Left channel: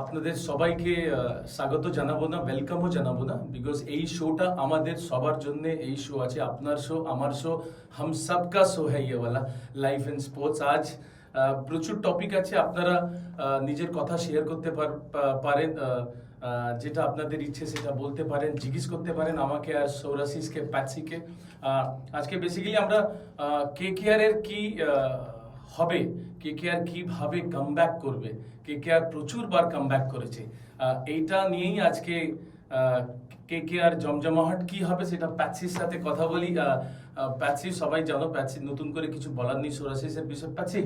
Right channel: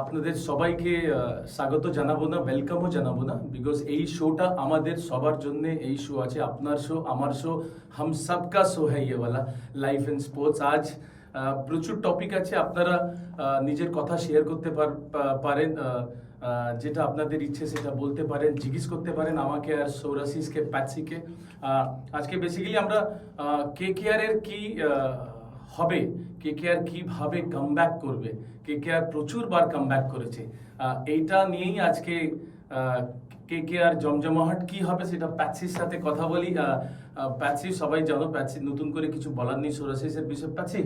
আপনাদের সবাইকে স্বাগত জানাবো না, ওয়েলকামও জানাবো না, বিকজ এই শোটা আমাদের সবার জন্য। এই শো আছে, আপনার শো, আমার শো, হাম সবকা শো হ্যায় ইয়ে ওয়ালা, লাইফ এন্ড স্পোর্টস। আজ প্রচুর টপিক আছে, আপনারা নিজের কথা শেয়ার করতে পারেন, যেটা আপনাদের ইচ্ছে সেটা বলতে পারেন, জিজ্ঞেস করতে পারেন আমাকে আর সৌরাশিসকে, প্যাটসিকে। আজকে বেসিক্যালি আমরা কেকেআর এর কি হবে, কেকেআর কিভাবে কামব্যাক করবে, কেকেআর প্রচুরবার কামব্যাক করেছে, এইটা নিয়েই আজকে কেকেআর জমজমাহট কি হবে সেটা প্যাটসির সাথে কথা বলি। প্যাটসি সবাই জানো, প্যাটসি নতুন করে কিছু বলার নেই সোরাসিসের বিষয়ে। প্যাটসি,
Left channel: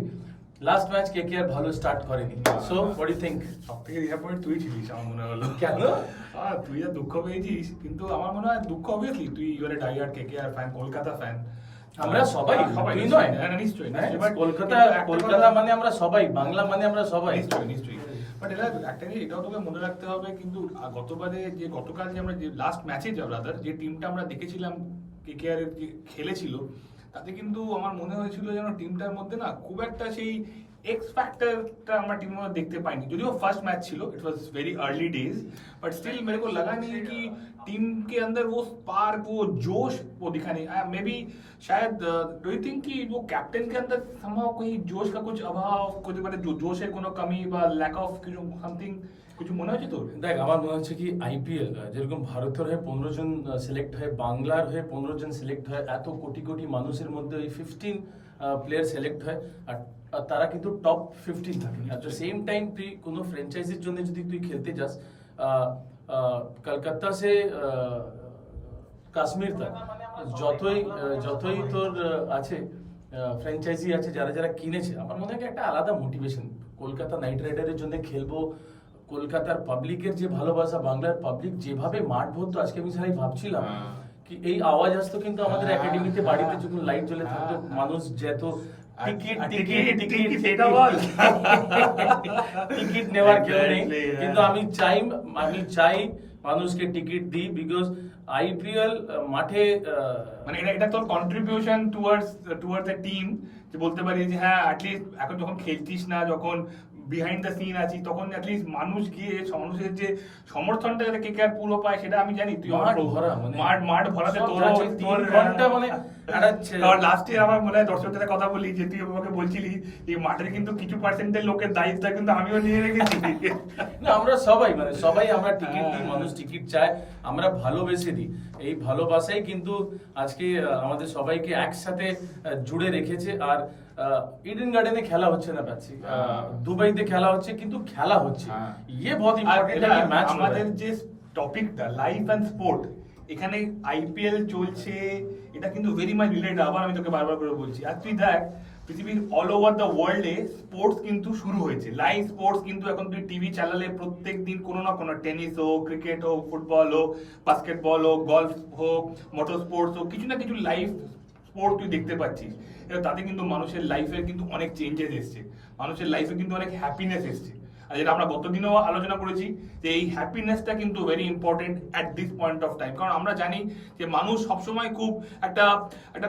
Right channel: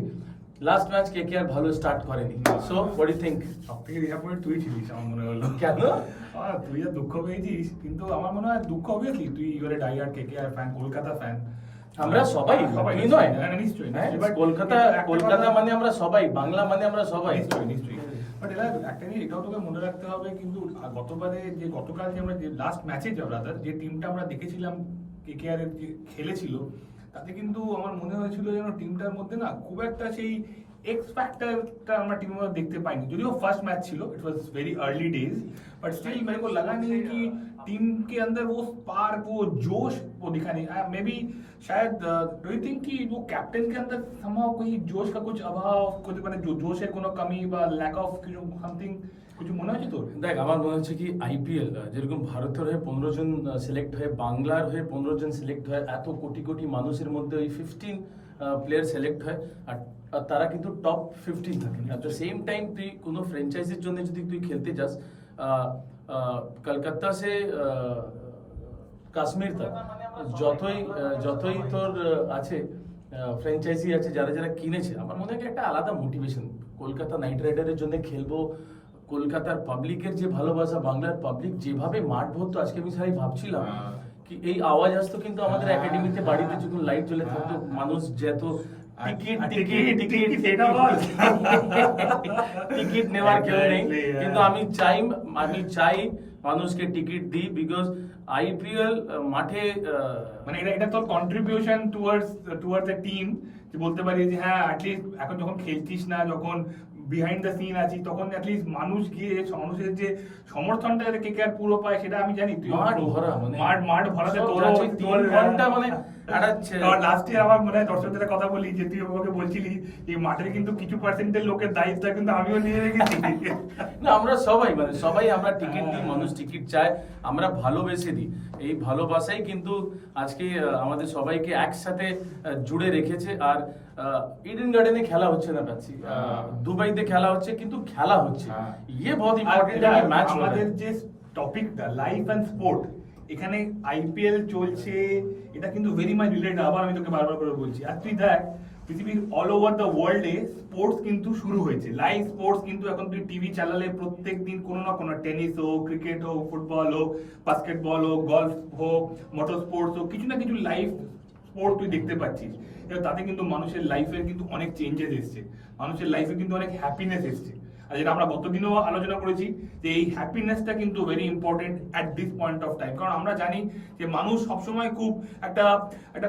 লাস্ট ম্যাচ কেকেআর ভালো স্টার্ট করেনি, সো হোয়াট ডু থিংক? সবথেকে ডিসঅ্যাপয়েন্ট তুই ছিলিস আমার মনে হলো। কেন? তুই আর দুঃখ পেয়েছিস, কিন্তু আমার মনে হয় দুঃখ অবভিয়াসলি তুই your A diehard KKR fan, Kolkata fan. আমরা সবাই, তুই নয়? নিশ্চয়ই কলকাতা, কলকাতা মানে আমরা সবাই, বাংলা মানে আমরা সবাই। নিশ্চয়ই বাট এটা একটা জিনিস এটাও তোকে মনে রাখতে হবে, কিন্তু গতকাল যে আমরা যে লাস্ট ম্যাচে যে টিমটা আমরা দেখেছিলাম কেকেআর এর যে খেলেছিল, তাতে কিন্তু আমার মনে হয়েছিল যেন টিমটার মধ্যে না খুব একটা সেই এক্স फैक्टरটা আমরা टीम में देखते पाएंगे। যদিও फर्स्ट मैच ছিল, it was very early days, but still मेरे को लगा नहीं कि टीम के अंदर वो स्पार्क, वो जोश वो दिखा नहीं। मे बी शायद डू यू थिंक कि वो कैप्टन के अंदर somehow कोई जोश का कुछ अभाव, कुछ মানে जोशের কোনো কমি বা ল্যাক অফ কিছু সামথিং কিছু মনে হচ্ছে তোর? দেখ, আমার মনে হচ্ছে কি আইপিএল যেরকম ভারতের হয়ে 15 জন সিলেক্ট হয়, বাংলার হয়ে 15 জন সিলেক্ট হয়, এত কোটি কোটি মানুষের মধ্যে ওই 15 প্লেয়ার সিলেক্ট হয়, আর তারা কিন্তু টপ 15 থাকে। অ্যাট দ্য সেম টাইম তুই কোনো ফ্র্যাঞ্চাইজির জন্য যদি তুই খেলতে যাস, কলকাতা সে কাশ্মীর তক যতই তোর আছে ফ্র্যাঞ্চাইজি আছে, যারা যারা কিনেছে, আমার মনে হয় একটা আলাদা মোটিভেশন। কলকাতা নাইট রাইডারের জন্য খেলবো, কলকাতার পাবলিকের যে ভালোবাসা, বাংলার পাবলিক যেভাবে মাঠ ভরতো, আজকে আমি সারাই ভাবছিলাম কি এই আওয়াজ আসতো কিন্তু আমাদের একাডেমিতে, বাড়িতে যখন লাইট জ্বলে থাকতো, মানুষ যেত টিকিট নেওয়ার কেউ নেই, কিন্তু আমি চাই মানুষকে টিকিট দিই, বিকজ আইপিএল মাঠে মানে এটা তোর কন্ট্রিবিউশন টুয়ার্ডস এ টিম, যে বলতে পারি যে হ্যাঁ অ্যাটলিস্ট এখন যখন খেলছিস না, যখন বিহাইন্ড দ্য সিন আছি, তখন অ্যাটলিস্ট মানুষ গিয়ে মানুষের যে সমর্থনটা যাতে কেকেআর পুরো পায় সেটা আমি জানি। তুই মাঠ ভরাতে তোর ঘন্টা মানে লাস্ট ইয়ার আমার মনে হয় দর্শকদের কথা বলি যে তুই আমাকে বলছিলি এই মাঠের কিন্তু কিছু পার্সেন্টের লোকের দায়িত্ব কিন্তু আমিও নিয়ে রেখেছি। না, আমরা সবাই আমরা টিকিট দিই, মানুষ টিকিট চায়, আমরা ভালোবেসে দিই। এই ভালোবাসাই কিন্তু আজকে আমাদের সবাইকে একসাথে জুড়ে রেখেছে। আর ইডেন গার্ডেনে খেলা হচ্ছে না পাচ্ছি, দুবাইতে খেলা হচ্ছে, কিন্তু খেলা হচ্ছে, ইয়ে বহুত ইম্পর্টেন্ট है ম্যাচ। আমাদের যে টপিকটা লাইফ এন্ড স্পোর্ট, এখানে আইপিএল চলছে, এটা কিন্তু ভেরি মাচ রিলেটেড। আবার আমি তোকে বারবার করে বলছি, আর তুই দেখ পৃথিবীর অল ওভার দ্য ওয়ার্ল্ডে স্পোর্টস কিন্তু শুরু হয়েছে, লাইভ স্পোর্টস কিন্তু এখন তুই টিভি চালালে প্রত্যেক দিন কোনো না কোনো, টেনিস হোক, ক্রিকেট হোক, ফুটবল হোক, বাস্কেটবল হোক, গলফ হোক, মোটর স্পোর্টস হোক, কিছু না কিছু লাইভ স্পোর্ট তুই দেখতে পাচ্ছিস। এবার তাতে কিন্তু মানুষের লাইফের কিন্তু অনেক চেঞ্জেস এসছে, মানুষের লাইফে কিন্তু অনেক হ্যাপিনেস এসছে। আর যেটা আমরা গতদিনও আলোচনা করেছি যে এই হ্যাপিনেসটা কিন্তু very important at this point of time, কারণ আমরা জানি যে মানুষ সবসময় খুব একটা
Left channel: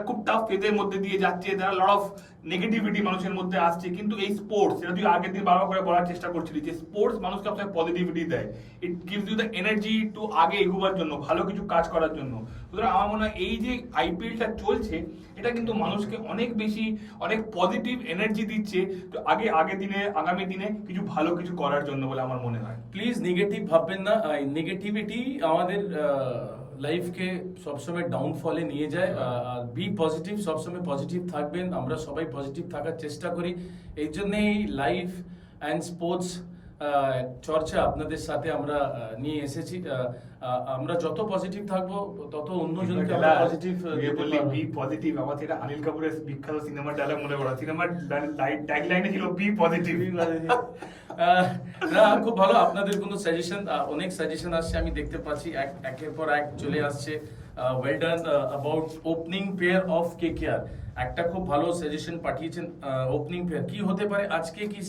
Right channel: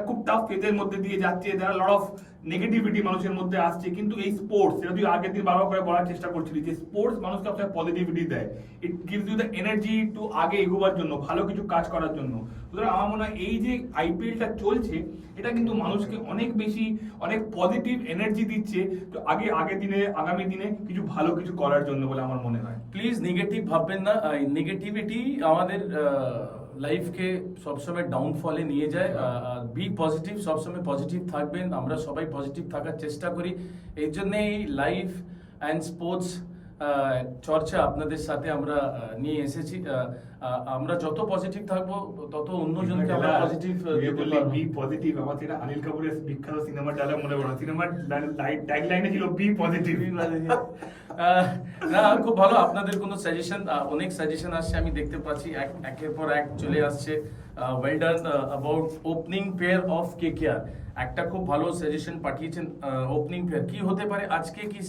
খুব টাফ ফেজের মধ্যে দিয়ে যাচ্ছে, যারা লট অফ নেগেটিভিটি মানুষের মধ্যে আসছে, কিন্তু এই স্পোর্টস, যেটা তুই আগের দিন বারবার করে বলার চেষ্টা করছিলি যে স্পোর্টস মানুষকে সবসময় পজিটিভিটি দেয়, it gives you the energy to আগে এগোবার জন্য, ভালো কিছু কাজ করার জন্য। সুতরাং আমার মনে হয় এই যে আইপিএলটা চলছে, এটা কিন্তু মানুষকে অনেক বেশি, অনেক পজিটিভ এনার্জি দিচ্ছে তো আগামী দিনে কিছু ভালো কিছু করার জন্য বলে আমার মনে হয়। প্লিজ নেগেটিভ ভাববেন না, নেগেটিভিটি আমাদের লাইফকে সবসময় ডাউনফলে নিয়ে যায়। বি পজিটিভ, সবসময় পজিটিভ থাকবেন, আমরা সবাই পজিটিভ থাকার চেষ্টা করি। এই জন্যই লাইফ অ্যান্ড স্পোর্টস চর্চা আপনাদের সাথে আমরা নিয়ে এসেছি। আমরা যত পজিটিভ থাকবো তত অন্যজনকে আমরা পজিটিভ বললি বি পজিটিভ। আমার সেটা অনিল কাপুরের বিখ্যাত সিনেমার ডায়লগ মনে পড়ে, সিনেমার ট্যাগলাইনে ছিল বি পজিটিভ। না, খুব ভালো। আপনাদের কোনো সাজেশন, অনেক সাজেশন আসছে, আমি দেখতে পাচ্ছি একের পর এক চলে আসছে। Well done about opening pair of KKR. একটা খুব ভালো সাজেশন পাঠিয়েছেন ওপেনিং প্লেয়ার কি হতে পারে আজকে, কি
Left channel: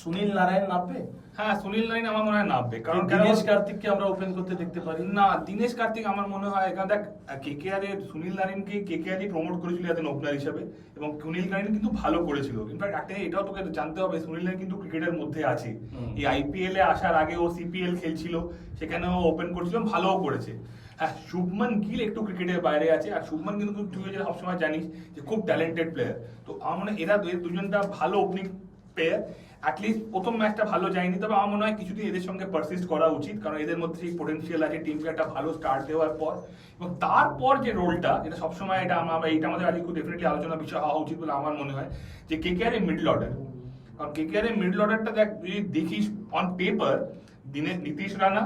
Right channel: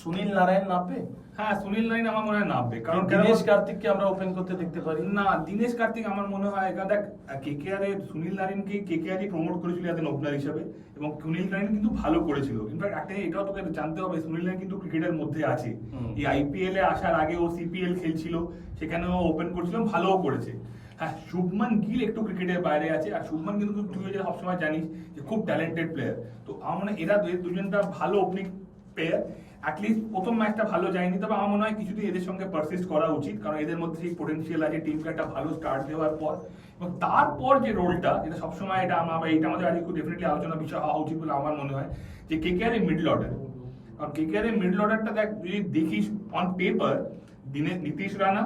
সুনীল নারায়ণ নামবে? হ্যাঁ, সুনীল নারায়ণ আমার মনে হয় নামবে, কারণ দিনেশ কার্তিককে আমরা ওপেন করতে দেখতে পারি না। দিনেশ কার্তিক আমার মনে হয়, কারণ দেখ কেকেআর এর সুনীল নারায়ণকে কেকেআরই প্রমোট করেছিল এত ওপেনার হিসেবে, এবং সুনীল নারায়ণ কিন্তু ভালো করেছিল। ইনফ্যাক্ট একটা এটাও তোকে জানতে হবে, সুনীল নারায়ণ কিন্তু ক্রিকেটের মধ্যে আছে। এই আইপিএল এ আসার আগে ও সিপিএল খেলছিল, সেখানেও ওপেন করছিল, ভালোও করেছে। হ্যাঁ, শুভমান গিল একটু ক্রিকেটের বাইরে আছে, আর শুভমান কিন্তু তুই যে সবসময় জানিস যে খুব ট্যালেন্টেড প্লেয়ার। তো আমার মনে হয় এরা দুজনটা ভালো ওপেনিং প্লেয়ার। অ্যাটলিস্ট প্রথম ম্যাচটা ভালো যায়নি, তবে আমার মনে হয় কিছুদিন এদের সঙ্গে পারসিস্ট করা উচিত, কারণ এদের মধ্যে সেই পোটেনশিয়াল আছে টিমকে একটা ভালো স্টার্ট দেওয়ার পর। এবং তারপর যে রোলটা, যেটা সবসময় এটা এইটা আমাদের আজকে খুব ডেফিনেটলি আলোচনা বিষয় হওয়া উচিত বলে আমার মনে হয়, যে কেকেআর এর মিডল অর্ডার। কারণ কেকেআর এর মিডল অর্ডারটা দেখ, যদি দেখিস on paper, Nitish Rana,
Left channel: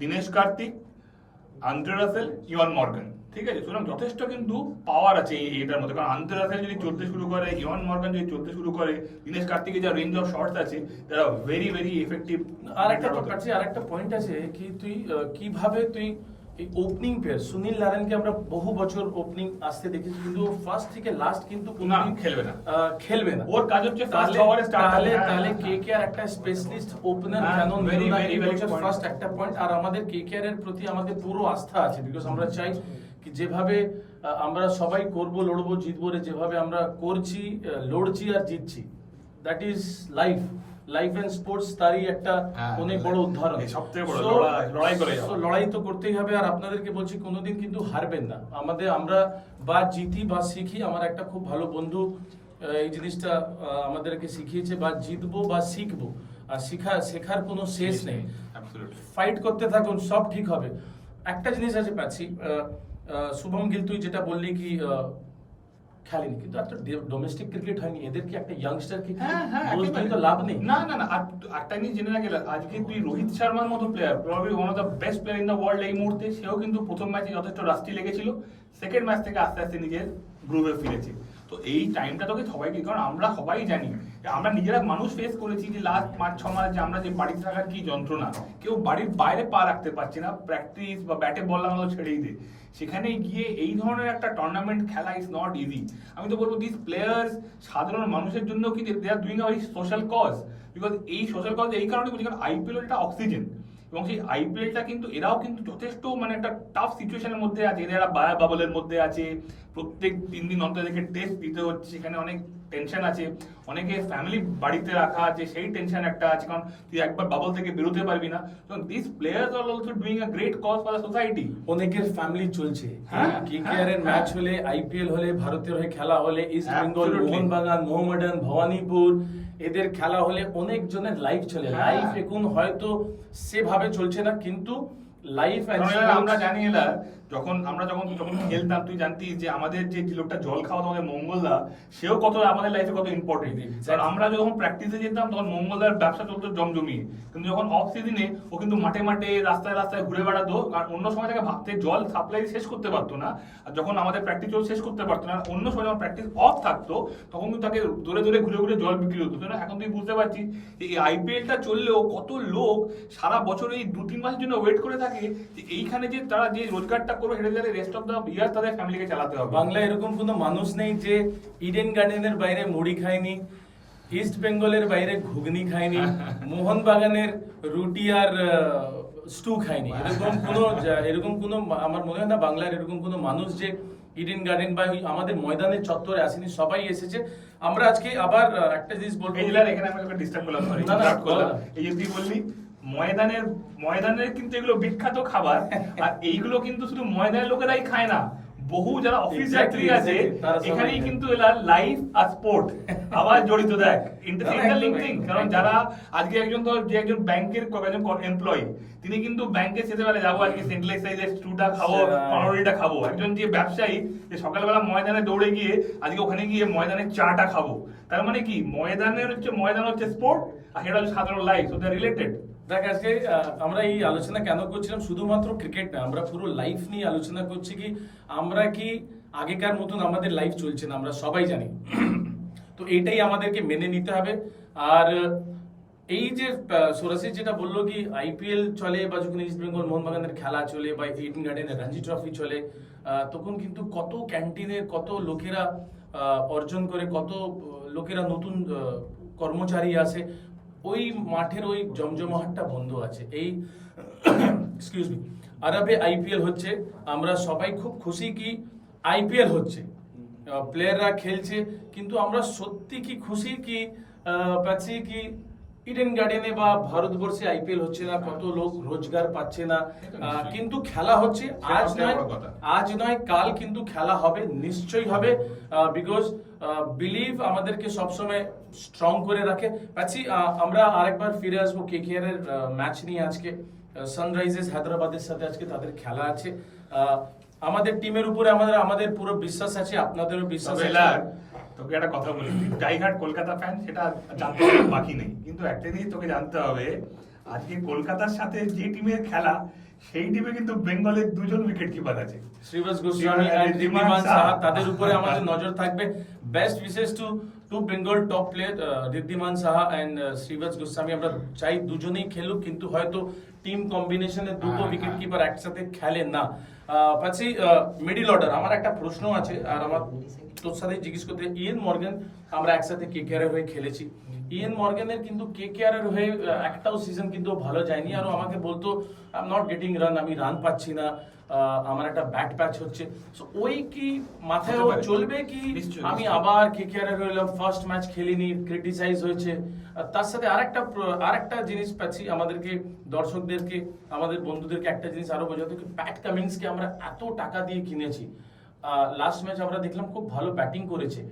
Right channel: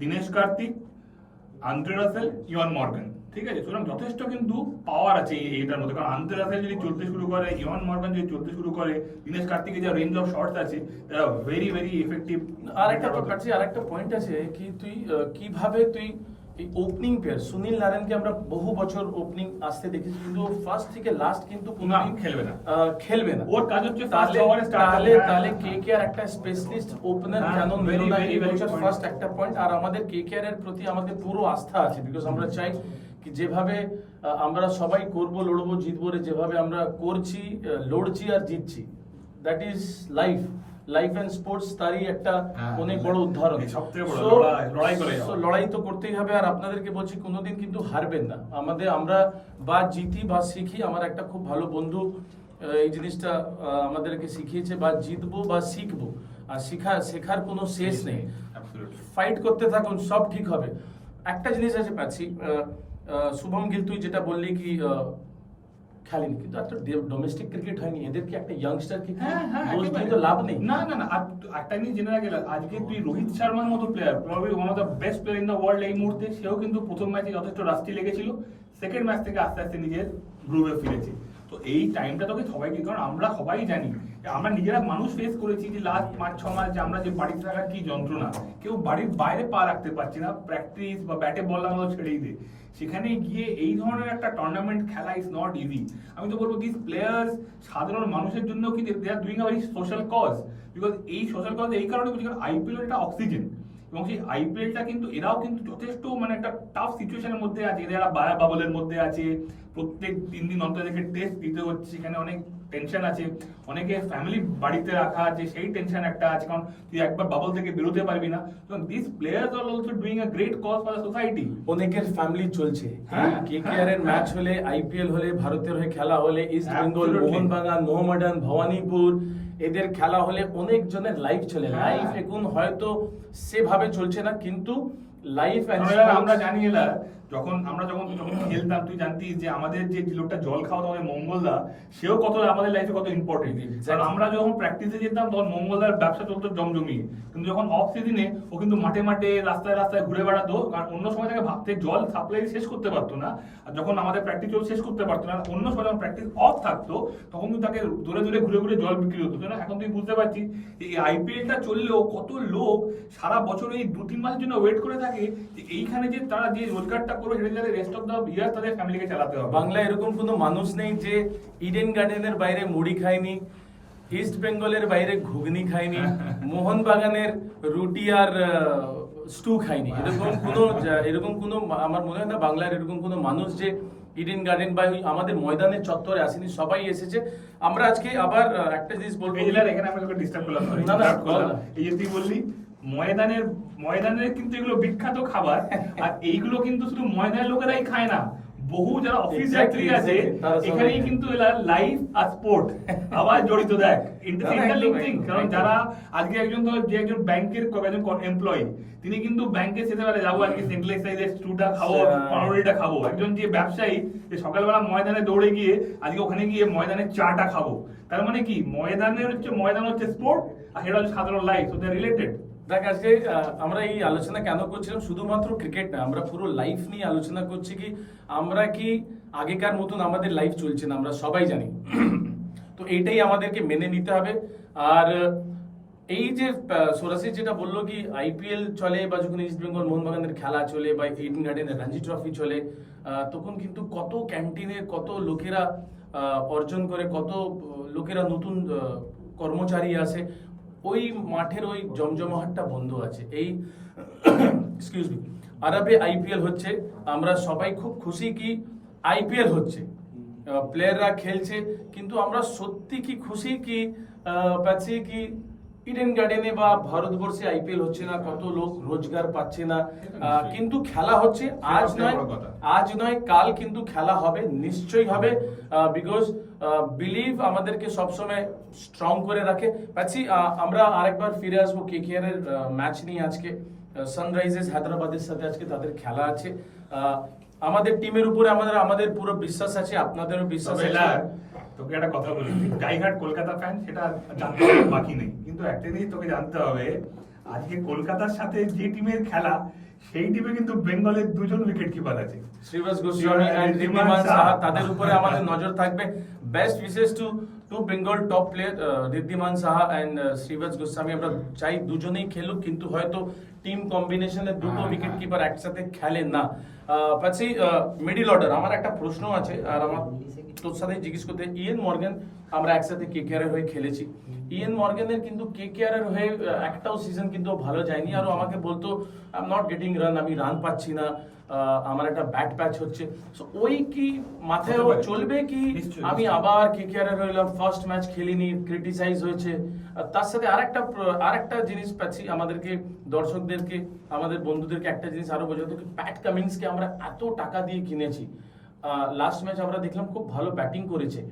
Dinesh Karthik, Andre Russell, Eoin Morgan, ঠিক আছে? সুতরাং যথেষ্ট কিন্তু পাওয়ার আছে এটার মধ্যে। কারণ আন্দ্রে রাসেল যদি চলতে শুরু করে, ইওয়ান মর্গান যদি চলতে শুরু করে, দিনেশ কার্তিকের যা রেঞ্জ অফ শটস আছে, তারা ভেরি ভেরি এফেক্টিভ। আরেকটা পয়েন্ট আছে কি, তুই কিভাবে তুই এই ওপেনিং প্লেয়ার সুনীল নারায়ণকে আমরা বহু বছর ওপেনিং আসতে দেখেছি, কিন্তু ফার্স্ট থেকে লাস্ট কিন্তু কোনোদিন খেলবে না। ওর কাজ হচ্ছে ফার্স্ট ওভারে স্টার্ট। তাহলে কেকেআর একটা স্পেশালিস্ট ওপেনার কেন নিল না, এই বছর ফার্স্ট একটা পয়েন্ট। আর আমাদের কেকেআর এর প্রতি আমাদের পুরো আস্থা আছে, বিকজ আমরা চাই কি যেভাবে আমরা সবাই করব, লড়বো, জিতবো, যেভাবে আমরা করছি, লড়ছি আর জিতছি, that is life and sports, তারই একটা অনেক বড় উদাহরণ। সবথেকে বড় লড়াই করে যাওয়া। লড়াই তো করতেই হবে। আর আপনাদেরকে বলছি, কোনোদিন কিন্তু হারবেন না। আমরা বা জিতি বা শিখি। আমার একটা খুব ভালো বন্ধু এই জিনিসটা আমাদেরকে শিখিয়েছে, বা জিতবো বা শিখবো, আর শেখার কোনো শেষ নেই। ফাইট করতে থাকুন, সব ঠিক হবে। একটা জিনিস আছে পাচ্ছি, শুভম গিল, তুই যেটা বললি কি খেলেনি, কিন্তু একটা ডোমেস্টিক ক্রিকেট হয়নি, এদেরকে একটা ইয়াংস্টার কি দোষ দিয়ে তো লাভ নেই। না না না, একটা জিনিস জেনে রাখলে, আজকে তুই রোহিত শর্মার মতো player, probably one of the best player in the world এই মুহূর্তে, সেও কিন্তু প্রথম ম্যাচে যথেষ্ট রাস্টি লেগেছিল, সেকেন্ড ম্যাচ থেকে আস্তে আস্তে নিজের গ্রুভে ফিরেছে। তো এই টাইমটা তোকে সবাইকে, কারণ আমরা সবাই জানি, আমরা নিজেরা মানুষ ফেস করেছি যে লাস্ট 5-6 মাস যে আমরা যে বাড়িতে থাকার কি যন্ত্রণা, কেউ বাড়ির বাইরে পা রাখতে পারছে না, প্র্যাকটিস বা ব্যাটে বল লাগানো ছেড়েই দে। সেখানে গিয়ে এই ধরনের একটা টুর্নামেন্ট খেলা ইজ নট ইজি। আমি তো বলবো দিস প্লেয়ার্স সাধারণ মানুষের জন্য কি they are doing a very social cause, because এই সোশ্যাল কজ এই কারণে বলছি, কারণ আইপিএল একটা অক্সিজেন, এবং সেই আইপিএলটা কিন্তু এরাও কিন্তু যথেষ্ট মানে একটা টাফ সিচুয়েশনের মধ্যে আছে, এরা বায়া বাবলের মধ্যে আছে, প্রত্যেক 3 দিন অন্তর থেকে টেস্ট দিতে হচ্ছে, সেখানে অনেক টেনশন আছে, অনেকে ফ্যামিলি বাড়িতে রাখা আছে, সেই টেনশন একটা আছে, কারণ তুই একবার বাবল থেকে বেরোতে পারবি না। তো this players are also doing a great cause for the society. অনেকের ফ্যামিলি চলছে, কেকেআর এর ম্যাচ হলে, আইপিএল হলে, ভারতের হয়ে খেলা হলে, ইস্ট বেঙ্গল, মোহনবাগান, মোহামেডান, ভবানীপুর, এদের খেলা হলে অনেক জনের লাইফ চলে। লাইফ এখন হয়তো সেভাবে চলছে না, কিন্তু লাইফ আমরা জানি এলা, যখন খেলতাম, তুই জানতিস যে আমাদের যে লোকটা জল খাওয়া আমাদের মঙ্গলদা, সেও কত আমাদের লাইফে কত ইম্পর্টেন্ট। কারণ আমরা যখন প্র্যাকটিসে যেতাম, তখন মঙ্গলদার ব্যবসা চলতো জমজমিয়ে, কিন্তু যখন অফ সিজনে ও কিন্তু মাঠে মাঠে রাস্তায় রাস্তায় ঘুরে বেড়াতো, কারণ অন্য সময় থেকে ভাবতে জল সাপ্লাই শেষ করতে পারতো না, আর যখন আমাদের প্র্যাকটিস জল শেষ করতে পারতো না, অন্য সময় যখন প্র্যাকটিস অফ থাকতো, তখন কিন্তু তাকে দূরে দূরে ঘুরে ঘুরে জল বিক্রি হতো। এখন তুই বুঝতে পারছিস যে এই আইপিএলটা চললেও কত লোক সারা বছর এই 2-3 মাসের জন্য ওয়েট করে থাকে, যে এইখানে যে তারা যে রোজগারটা করবে, সেটা যাতে রেস্ট অফ দ্য ইয়ার তাদের ফ্যামিলিকে চালাতে হবে। বাংলায় এরকম কোনো মানুষ নেই যে ইডেন গার্ডেনের বাইরে মুড়ি খায়নি, ইস্ট বেঙ্গলের বাইরে ঘুগনি খায়নি, মোহনবাগানের রুটি আর স্টু খায়নি। এরকম কোনো আমার মনে হয় না বাংলার এরকম কোনো মানুষ যে ইডেন গার্ডেন বা আমাদের ময়দানের চত্বরে আসেনি, সবাই এসেছে। আমরা আজকে আবার একটা জিনিস বলবো, এখানে আমি তোকে ডিস্টার্ব করলাম, এই যে তুই বললি ময়দানের কিন্তু এগুলো বিখ্যাত খাবার, আর এইগুলো কিন্তু শুধু ময়দানের লোকেরাই খায় না, বহু যারা অফিস যাত্রী আছে এখানেই কিন্তু এরা লাইফ আর স্পোর্ট আবার জড়িত। দেখ ইন্টারলিঙ্কিং, কারণ যারা আজকে একজন ব্যাংকের একজন এমপ্লয়ি, তিনি কিন্তু ব্যাংকে যেতে পারে, যাবো আজকে সেন্ট্রাল সাইজের স্টুটা খাবো, পাউরুটিটা খাবো। একজন যে ব্যবসায়ী, যে সকালবেলা ময়দানে দৌড়ে গিয়ে আজকে ওখানে গিয়ে ময়দানের চাটা খাবো, তার মানে কি ময়দান হচ্ছে স্পোর্ট, আর এটা হচ্ছে সাধারণ life, so they are related. দেখ আজকে আমরা এই আলোচনা কেন করছিলাম, শুধুমাত্র ক্রিকেট না, আমরা পুরো লাইফ নিয়ে আলোচনা করছি। কি আমরা কি আগেকার মতন আমাদের লাইফ চলছে না, আমরা সবাই জানি। তো এইটাই আমাদেরকে মেনে নিতে হবে। আর এই যে সোরাসি যেটা বললো কি আইপিএল চলে, বা যখন ইস্ট বেঙ্গল মোহনবাগানের খেলা চলে, বা ইডেন গার্ডেনের রঞ্জি ট্রফি চলে, তখন কিন্তু কত ক্যান্টিনে কত লোকেরা অর্জন করে, কত লোকেরা নতুন কর্মচারী আছে, ওই মাঠের ওই জমজমাটটা বন্ধ আছে। এই এক্সকিউজ মি, আরবে আইপিএল হচ্ছে, আমরা সবাই খুব খুশি কি আইপিএল হচ্ছে, প্লেয়াররা খেলছে, কিন্তু আমরা সত্যি কি খুশি কি পাচ্ছি কি ইডেন গার্ডেনে বা ভারতবর্ষে আইপিএল হচ্ছে না, কত লোক রোজগার পাচ্ছে না, কিন্তু খেলা হচ্ছে। আজ নয় কাল কিন্তু খেলা হবে, নিশ্চয়ই হবে, বিকজ বিলিভ আমাদেরকে সবসময় স্ট্রং করে রাখে। পাচ্ছি আমরা আরেকবার ফিরে আসবো কেকেআর এর ম্যাচ নিয়ে। আজকে সানরাইজার্স হায়দ্রাবাদের সাথে আজকে তাদের খেলা আছে। আমাদের টিমের উপরে আমাদের পুরো বিশ্বাস আছে, আপনাদেরও বিশ্বাস আছে। তোকে একটা কথা বলি, ডাইহার্ড কলকাতা ফ্যান, সেটা জানতে হবে বাকি নেই, কিন্তু একটা জিনিস তোকে জানতে হবে, আজকে কলকাতার সাথে যে টিমের খেলা, সেই টিমে কিন্তু বেঙ্গলের দুজন উইকেট কিপার আছে, শ্রীবাস গোস্বামী এন্ড ঋদ্ধিমান সাহা, তাদের উপরে আমাদের নজর থাকবে। Best wishes to Bengal top player Wriddhiman Saha and Shreevats Goswami. আমরা চাই দুজনেই খেলুক, কিন্তু হয়তো টিম কম্বিনেশনে দুটো উইকেট কিপার একসাথে খেলে না। পাচ্ছি মিডল অর্ডার, আমার একটা প্রশ্ন আছে, আর আমার তোর সাথে জিজ্ঞেস করতে, ইয়েন মর্গান আমরা একসাথে কেকেআর এর হয়ে খেলেছি। ইয়েন মর্গানের কিন্তু কেকেআর এর হয়ে একটাও সিজন কিন্তু ভালো যায়নি, আর আমাকে বলতো I am not getting run, আমি রান পাচ্ছি না, আমার একটা ব্যাট প্যাচ হচ্ছে। সো ওই কি মাথায় চলবে কি আমি আবার কেকেআর এর হইলাম, ফার্স্ট ম্যাচ খেলিনি, ক্রিটিসাইজ হয়েছে। তার সাথে আরেকটা জিনিস পাচ্ছি, আমাদেরকে দর্শকদেরকে আমাদের বন্ধুদেরকে একটা জিনিস আরো বোঝাতো কি, প্যাট কামিন্সকে আমরা এত টাকা দিয়ে কিনেছি, লাস্ট ম্যাচ আমরা দেখলাম খুব ভালো ব্যাটিং করেছে,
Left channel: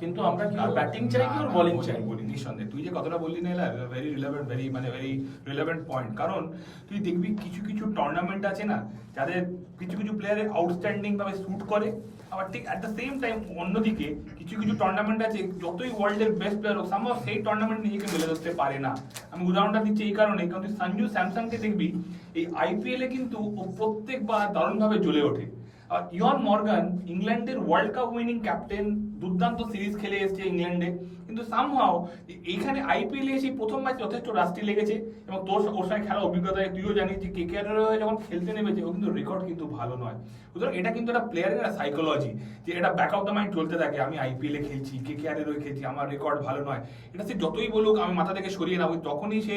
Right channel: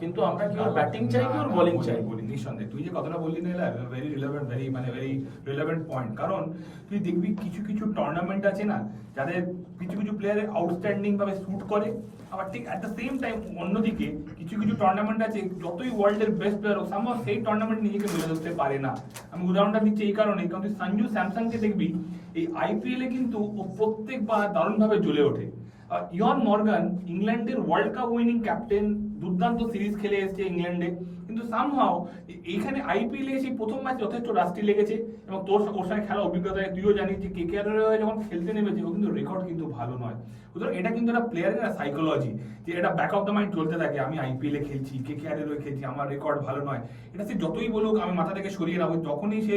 কিন্তু আমরা কি ওর ব্যাটিং চাই কি ওর বোলিং চাই? নিঃসন্দেহে তুই যে কথাটা বললি না, very relevant, very relevant point. কারণ তুই দেখবি কিছু কিছু টুর্নামেন্ট আছে না, যাদের কিছু কিছু প্লেয়ারের আউটস্ট্যান্ডিং ভাবে শুট করে, আবার ঠিক অ্যাট দ্য সেম টাইম অন্যদিকে কিছু কিছু টুর্নামেন্ট আছে, যতই ওয়ার্ল্ডের বেস্ট প্লেয়ার হোক, সামহাও সেই টুর্নামেন্ট নিজেকে মেলে ধরতে পারে না। আমি উদাহরণটা দিচ্ছি এই কারণে, কারণ তুই সঞ্জু স্যামসনকে দেখবি এই আইপিএল এ কিন্তু ও প্রত্যেকবার দারুণভাবে জ্বলে ওঠে। ইয়ন মর্গান ইংল্যান্ডের ওয়ার্ল্ড কাপ উইনিং ক্যাপ্টেন, দুর্দান্ত সিরিজ খেলে এসেছে ইংল্যান্ডে, কিন্তু সামহাও এইখানে আইপিএল এসে প্রথম ম্যাচ যথেষ্ট রাস্টি লেগেছে, এবং তোর ওর সঙ্গে খেলা অভিজ্ঞতা তুইও জানিস যে কেকেআর এর হয়ে যখন খেলতে নেমেছে, ও কিন্তু রেকর্ড কিন্তু ভালো নয়। সুতরাং এটা কিন্তু একটা প্লেয়ারের সাইকোলজি, যে এটা ব্যাক অফ দ্য মাইন্ড চলতে থাকে, আমি আইপিএল এ খেলছি, কেকেআর এর হয়ে খেলছি, আমার রেকর্ড ভালো নয়। এটা সে যতই বলুক আমি মাথা থেকে সরিয়ে নেবো, যখনই সে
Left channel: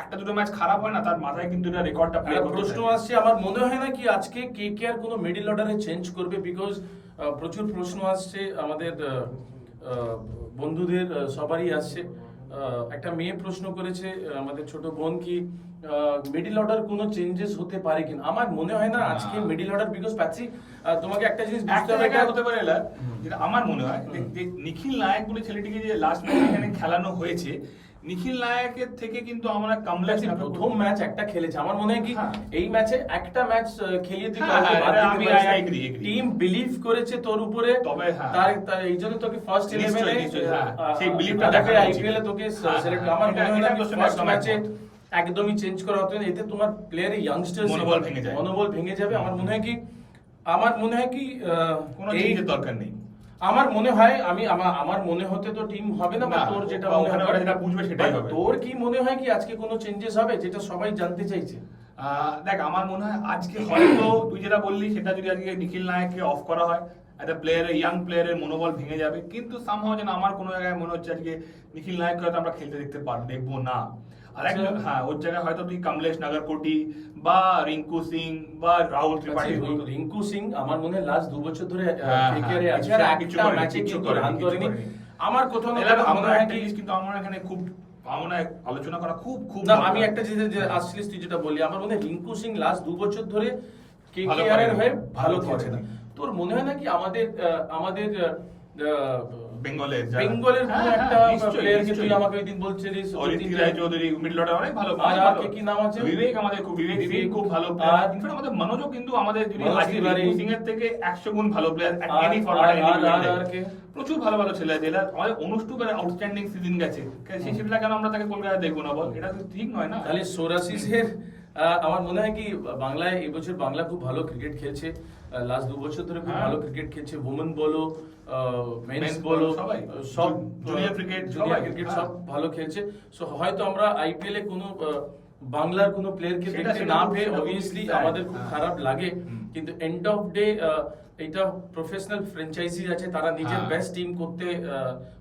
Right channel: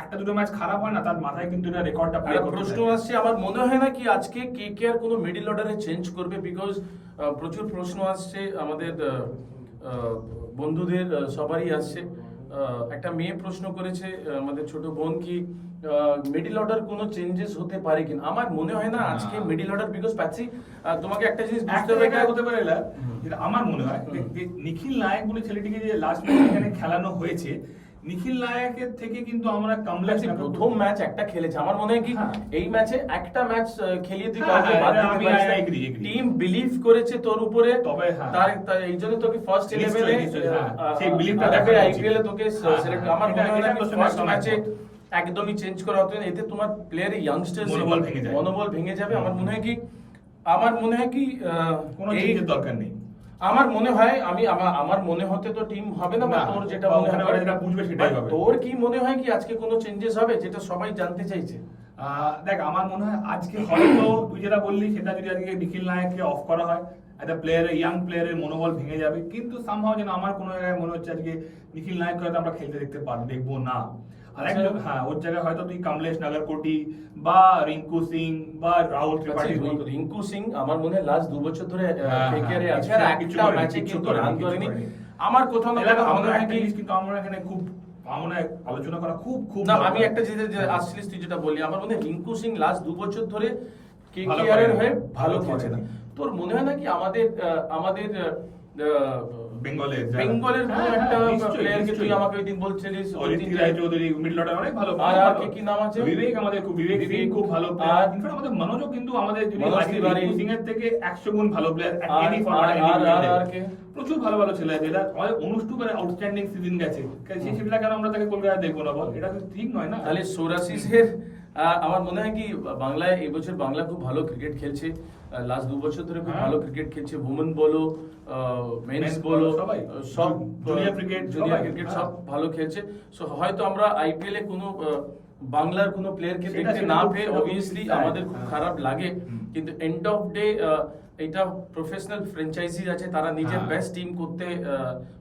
একটা দুটো ম্যাচ খারাপ হয় না, তার মাথায় কিন্তু এটা রেকর্ডটা প্লে করতে প্রশ্ন আসছে, আমার মনে হয় না কি আজকে কেকেআর কোনো মিডল অর্ডারে চেঞ্জ করবে, বিকজ প্রচুর প্রশ্ন আসছে আমাদের বন্ধুদের সবারই আসছে। একটা মেয়ে প্রশ্ন করেছে আমাদের ছোট বোন কি মিডল অর্ডার কোনো চেঞ্জেস হতে পারে কিনা। আমার মনে হয় না আজকে মিডল অর্ডার, বিকজ পাচ্ছি তোমাকে একটা জিনিস বুঝতে হবে, হতে পারে যেটা আমার মনে হয় যে নিখিল নায়ক বলে ছেলেটিকে যে লাস্ট ম্যাচ এখানে খেলানো হয়েছে, নিখিল নায়কের থেকে কিন্তু আমরা কমলেশ প্রথম ম্যাচ একটা খেলেছে, আমার মনে হয় কি এই ম্যাচে একটা ম্যাচ খেলিয়ে তুই টিম বিলিভ করেছে তোর উপরে, তবে তার এই জন্য তোকে ফার্স্ট 11 এ সেই বিলিভটা দেখে আইপিএল এ তোকে সিলেক্ট। আমার মনে হয় না ফার্স্ট ম্যাচে একদমই চেঞ্জ করা হতো না, এতে তোমার প্লেয়ারের ইয়াংস্টার্স মনোবল ভেঙে যাবে। আমার মনে হয় কি কোনো চেঞ্জের দরকার নেই। আমার মনে হয় আমার মনে হতে তো টিম হবে না, বা তোর যেটা মনে হয় যেটা বুঝবে সেটাই হবে। তোর কি মনে হয় কি আজকে কোনো চেঞ্জেস হবে, যেটা সবাই জানতে চাইছে? দেখ আমার মনে হয় আজকে হয়তো তুই যেটা বললি, সেটা যদি আজকে নিখিল নায়ককে অফ করা হয়, একটা প্লেয়ারের ইয়াং প্লেয়ারের মনোবল ভেঙে যাবে, কিন্তু সামহাও যেন আমার কোনো জায়গায় মনে হচ্ছে আজকে নিখিল নায়ককে হয়তো আমরা খেলতে দেখবো না। আর একজন ওর জায়গায় হয়তো তুই কমলেশ নাগারকোটি বা রিঙ্কু সিং বা রাহুল ত্রিপাঠী। রিঙ্কু সিং আমার মনে হয় লাস্ট 2 বছর ধরে কেকেআর এ আছে, আর একটা ম্যাচে কিন্তু রান করেনি। আমার কোথাও না মনে হয় কি, কিন্তু আমরা এখানে খুব আলোচনা করা খুব না, আমি একটা যে আসছিস তুই যেটা বললি, আমার মনে হয় রিঙ্কু সিং লাস্ট 2 বছর ধরে কেকেআর এর হয়ে ভালো খেলছে না। তোর মনে হয় না কি আমাদের বেঙ্গলের কোন একটা প্লেয়ারকে তুই আমাকে ওই দিন বলছিলিস, ঋত্বিক রায় চৌধুরী মিডল অর্ডার অনেক ভালো, আর কি নাম আছে, বিবেক, আমাদের বিবেক খুব ভালো প্লেয়ার। ইনফ্যাক্ট আমাদের মনোজও কিন্তু আমাদের ঋত্বিক সিং এর থেকে 100 গুণ ভালো প্লেয়ার। এনি ফরম্যাট প্রচুর ভালো ছেলে আছে, আমাদের অনুষ্ঠুপের আউটস্ট্যান্ডিং সিজন গেছে, সেই সেটা কেন আমরা তাকে কলকাতায় দেখবো না বল? এটা তো ঠিক নয় না। তাহলে সোরাসিসের আমার মনে হয় কি বাংলায় এবছর বাংলা খুব ভালো ক্রিকেট খেলছে, লাস্ট 2 বছর ধরে খুব ভালো ক্রিকেট খেলছে, ওমেন বলো মেন্স বলো সব জুনিয়র ক্রিকেট সব ভালো খেলছে। সো হয়তো আমরা আইপিএল এ কোনো বাংলার কোনো প্লেয়ারকে দেখতে না পেয়ে অবভিয়াসলি আমাদের খুব খারাপ লাগে, কিন্তু এন্ড অফ ডে এটা প্রফেশনাল ফ্র্যাঞ্চাইজি আছে, তারা নিজের হ্যাঁ। বেস্ট টিম করতে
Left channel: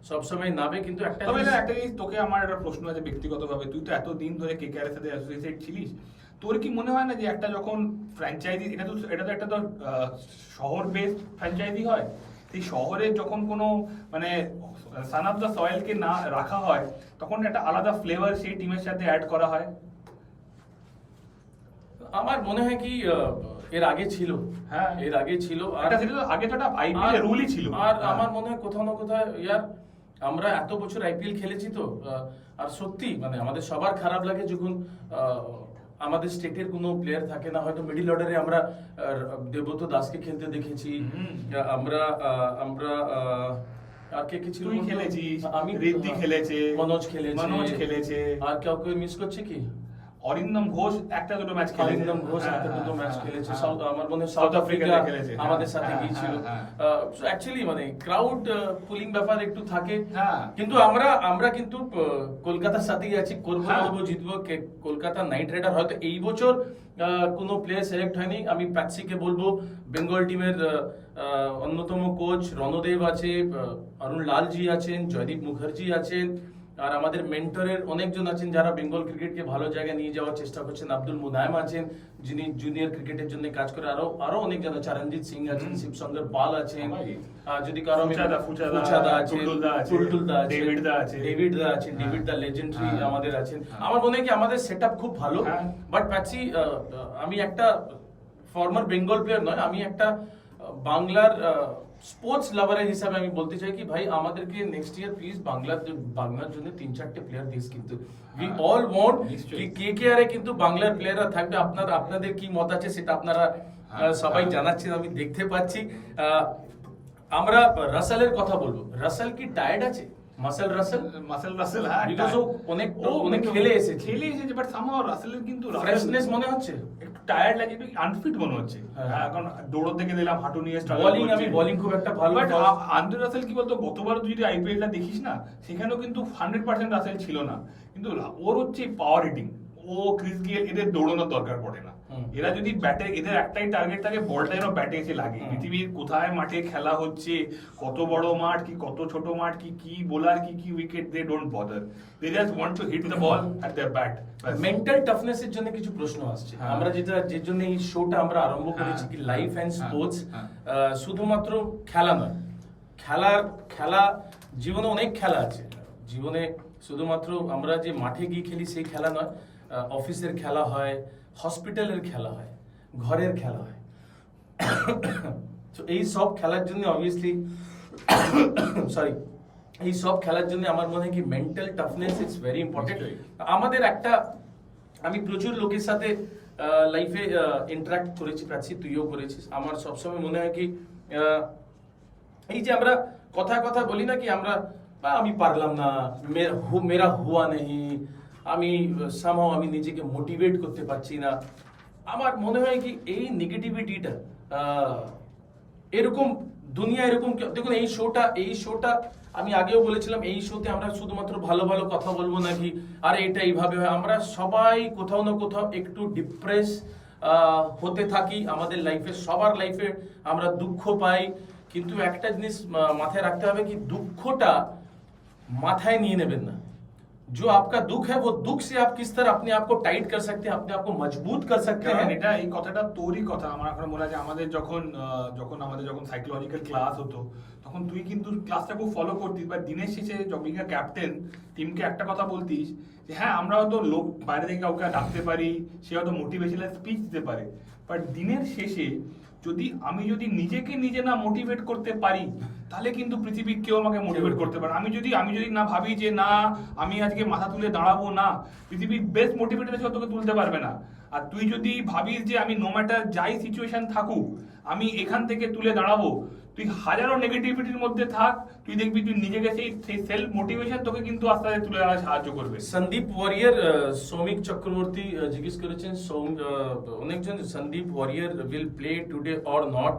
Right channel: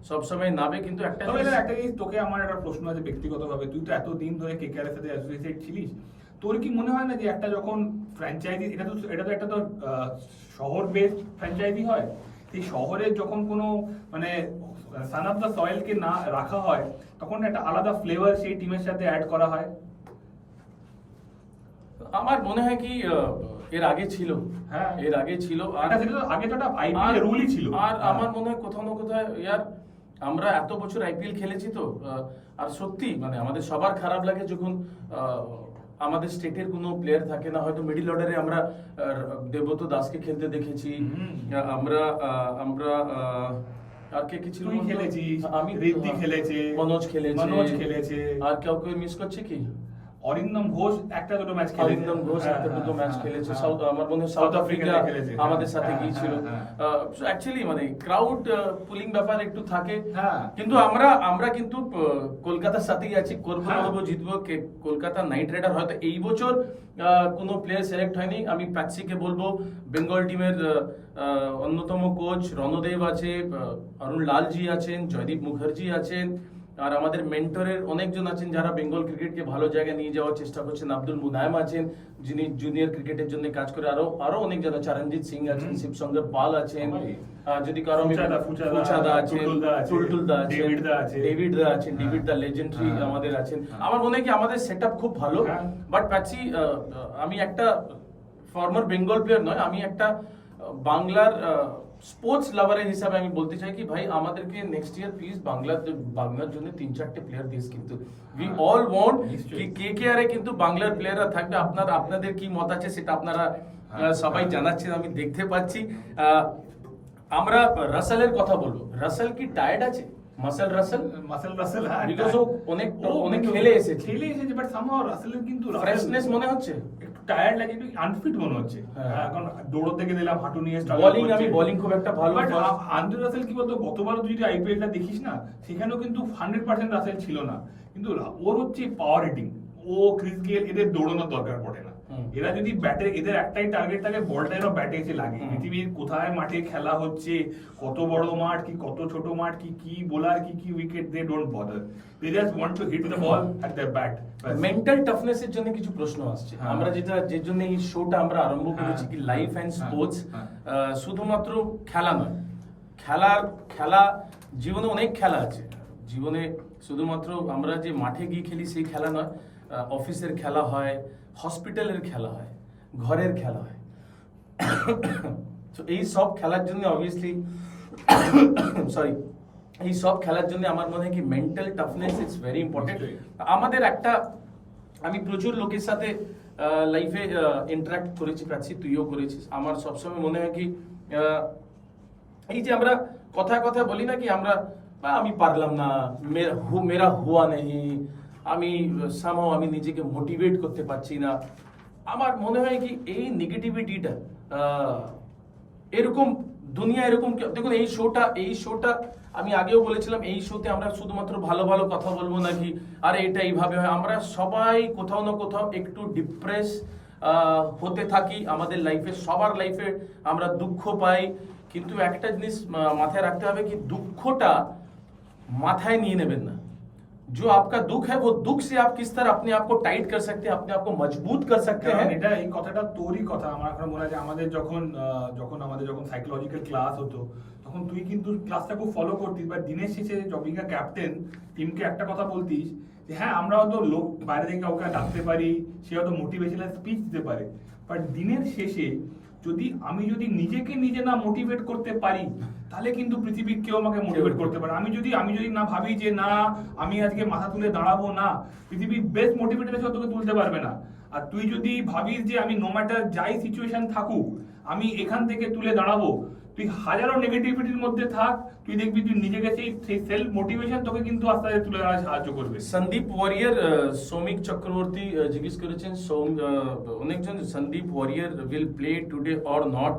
সবসময় নাবে, কিন্তু একটা তবে জিনিস- না, একটা জিনিস তোকে আমার একটা প্রশ্ন আছে ব্যক্তিগতভাবে, তুই তো এতদিন ধরে কেকেআর এর সাথে অ্যাসোসিয়েটেড ছিলিস, তোর কি মনে হয় না যে একটা যখন ফ্র্যাঞ্চাইজি, এটা তো একটা তো শহর বেসড ফ্র্যাঞ্চাইজি হয়, সেই শহরে যখন কোনো মানে সান অফ দ্য সয়েলকে না রাখা হয়, তখন একটা আলাদা ফ্লেভার সেই টিমের সাথে অ্যাড করা হয়। আমার মনে হয় কি এর আগে ছিল, হ্যাঁ। এর আগে ছিল, এটা সেটা তো আগে তো একটা আইপিএল এর রুলই ছিল। আর হ্যাঁ। আমার মনে হয় কোথাও না কোথাও ইয়ার আমরা এত বছর আইপিএল খেলেছি তো, আর সত্যি মানে আমাদের সবার খারাপ লাগে যখন আমাদের স্টেটের কোনো প্লেয়ার থাকে না, হয়তো মিডল অর্ডারে আমরা দেবব্রত দাসকে খেলতে দেখেছি, হুম। আমরা আমরা আর কে কে ছিল তুই বলতো? খেলেছিস, আমি ঋদ্ধি খেলেছে, মনোজ খেলেছে, মনোজ খেলেছে, আর কাউকে মিস করছে কি? অরিন্দম ঘোষ একটা দুটো ম্যাচ খেলেছে। অরিন্দম ঘোষ হ্যাঁ, একটা দুটো হ্যাঁ, ম্যাচ হ্যাঁ, খেলেছে, হ্যাঁ। সাউথ আমার মনে হয় সাউথ সাউথ আফ্রিকাতে আফ্রিকা খেলেছে, আমাদের হ্যাঁ, সাথে হ্যাঁ, গিয়েছিল। হ্যাঁ, অ্যাকচুয়ালি মানে ক্রাউড পুলিং ব্যাপার একটু থাকে, হ্যাঁ। কিন্তু আমরা কিন্তু কলকাতার সাথেই আছি, করবো হ্যাঁ। বলবো জিতবো। কলকাতা নাইট রাইডার হয়তো এই বছর কোনো প্লেয়ার সিলেক্ট হয়নি, আমি প্যাটসিকে বলবো বেঙ্গল টিমের অন্যতম কোচ রণদেব আছে, অরুণ লালজি আছেন, জয়দীপ মুখার্জি আছেন, আর আমাদের মেন্টরের অনেকজন আছেন যারা বেঙ্গল ক্রিকেটকে ভালো জায়গায় নিয়ে যাওয়ার চেষ্টা করছেন। আব্দুল মুনায়েম আছেন, যিনি জুনিয়র ক্রিকেটের জন্য কাজ করে, আরো অনেকজন আছে, চরণজিৎ সিং আছেন, শিবশঙ্কর পাল আছেন, যদি কারো ফুচাদা আছেন, টুলটুলদা আছেন, ডেভিড দা আছে, ডেভিড দা আছেন, ডেভিড দা লেজেন্ডারি হ্যাঁ। আমাদের আছেন। হ্যাঁ। আমার মনে হয় কি আমাদের সেটআপ খুব ভালো, হ্যাঁ। বাট প্যাটসি আমি একটা ফর্মার বেঙ্গল প্লেয়ার নয়, আমি একটা বাংলার স্পোর্টস লাভারের হিসাবে আমি বলতে চাই কি ভাই আমাদেরকে নেক্সট ইয়ার প্লিজ বাংলার জন্য 3-4টে প্লেয়ার দিস, কিন্তু উই হ্যাঁ, অল ওয়ান্ট নিশ্চয়ই। কি কেকেআর এ কিন্তু বাংলার প্লেয়াররা থাকবে। আপনাদের কি মত আছে সেটা আপনারা সবাই হ্যাঁ। জানাচ্ছেন, আমি দেখতে পাচ্ছি। আমরা রাসেলের কথা বলবো, রাসেল কি টায়ার্ড আছে? মাসেল রাসেল, হ্যাঁ, Because ও অনেক কিন্তু খেলে এসেছে। বাট সামহাও রাসেলের কিন্তু ফ্রেশনেস মনে হচ্ছে। একটু টায়ার্ড লাগে, একটু আনফিট মনে হচ্ছে। হ্যাঁ। এখন দৌড় থেকে দিলাম, হাঁটু নিয়ে struggle বোলিং করছে। আমি বোলিং খুব একটা ভালো বাট আন্দ্রে রাসেল কি বলতো, গতবারও তুই যদি আইপিএলটা দেখিস না, সেখানেও কিন্তু 100% রাসেল ছিল না, কিন্তু ওর হচ্ছে পাওয়ার হিটিং, ও ক্রিস গেল এদের দৌড়ানোর দরকার পড়ে না। হুম। এরা যদি ব্যাটে, এদের একটাই টার্গেট থাকে বলটা যেন ব্যাটে এসে লাগে। হুম। পৃথিবীর কোথায় মাঠে খেলা হচ্ছে, কত বড় মাঠ কি কত ছোট মাঠ কি বোলার কি wicket, they don't bother, they just want to hit the ball at the bat. Mental toughness এর জন্য কিছু প্রশ্ন আসছে। হ্যাঁ। আমরা যে জন্য এই শোটা আমরা আরম্ভ করেছি কি লাইফ এন্ড হ্যাঁ। স্পোর্টস, হ্যাঁ। শুধুমাত্র খেলা নয়, খেলা জীবনে অনেক খেলা আছে। জীবনে শুধুমাত্র আমরা যে মাঠে গিয়ে খেলি সেই খেলা নয়, অফিসের খেলা হয়, হসপিটালের খেলা হয়, ঘরের খেলা হয়। তো এই সব খেলার জন্য অবভিয়াসলি সরি এই সব খেলার জন্য আমার মনে হয় কি mental toughness is very important. নিশ্চয়ই। আমাদের একটা, আমি প্রচুর লোকের সাথে লাইফে ইন্টারাক্ট করেছি, প্রাচী তুইও করেছিস। আমার সবসময় মনে হয় কি এই যে আমরা কথা বলি না কি আমরা আমি পারলাম না, মেরা হুয়া নেই, আমি সামহাও আমি নিজেকে মোটিভেট করতে পারছি না। আমার মনে হয় কি এই নেগেটিভিটিটা এরকম দুনিয়া এরকম দেখুন, এই শোটা আমি আগেও বলেছিলাম, এই শোতে আমরা শুধুমাত্র ভালো ভালো কথা বলবো নাকি আর এটা এইভাবে হয়। আমরা সবাই কোথাও না কোথাও একটু ডিপ্রেস হতে থাকি আমাদের লাইফে, সবার লাইফে আমরা দুঃখ পাই, কিন্তু একটা জিনিস মাথায় রাখতে হবে কি দুঃখটা মাথায় নিয়ে নেবেন না। जो आपका दुख है वो दुख से आप किस तरह अपने आप को टाइट कर सकते हैं, अपने आप को मजबूत कर सकते কারণ हैं। এটা এই কথাটা তোরই কথা। আমার এখন মনে হয় যে আমাদের যখন সাইকোলজিক্যাল ক্লাস হতো, তখন তুই কিন্তু ক্লাসটা খুব ফলো করতিস, বা দিনের শেষে জবিকা ক্যাপ্টেন টিমকে একটা কথা বলতিস যে হ্যাঁ আমরা হয়তো লোক বাইরে থেকে কাউকে ডাকতে পারি, সে হয়তো মোটিভেশনাল স্পিচ দিতে পারে, বাট দিনের শেষে আমি যদি নিজেকে নিজে না মোটিভেট করতে পারি, তাহলে কিন্তু পৃথিবীর কেউ আমাকে মোটিভেট করতে পারে। আমি যদি না ভাবি যে না আমি আজকে মাথা তুলে দাঁড়াবো না, পৃথিবীর বেস্ট মোটিভেটার সব তোকে তুলতে পারবে না। আর তুই যদি ভাবিস যে আমি নো ম্যাটার যাই সিচুয়েশন থাকুক আমি এখান থেকে তুলে দাঁড়াবো, তুই হাজারো নেগেটিভিটির মধ্যে থাক, তুই দেখবি তুই নিজেকে সেই সেলফ মোটিভেশন তোকে কিন্তু আস্তে আস্তে তুলে দাঁড়াতে সাহায্য করবে। সন্দীপ ওয়ারিয়ার, সৌমিক চক্রবর্তী জিজ্ঞেস করেছেন অনেকজন Sandeep Warrier will play today or not.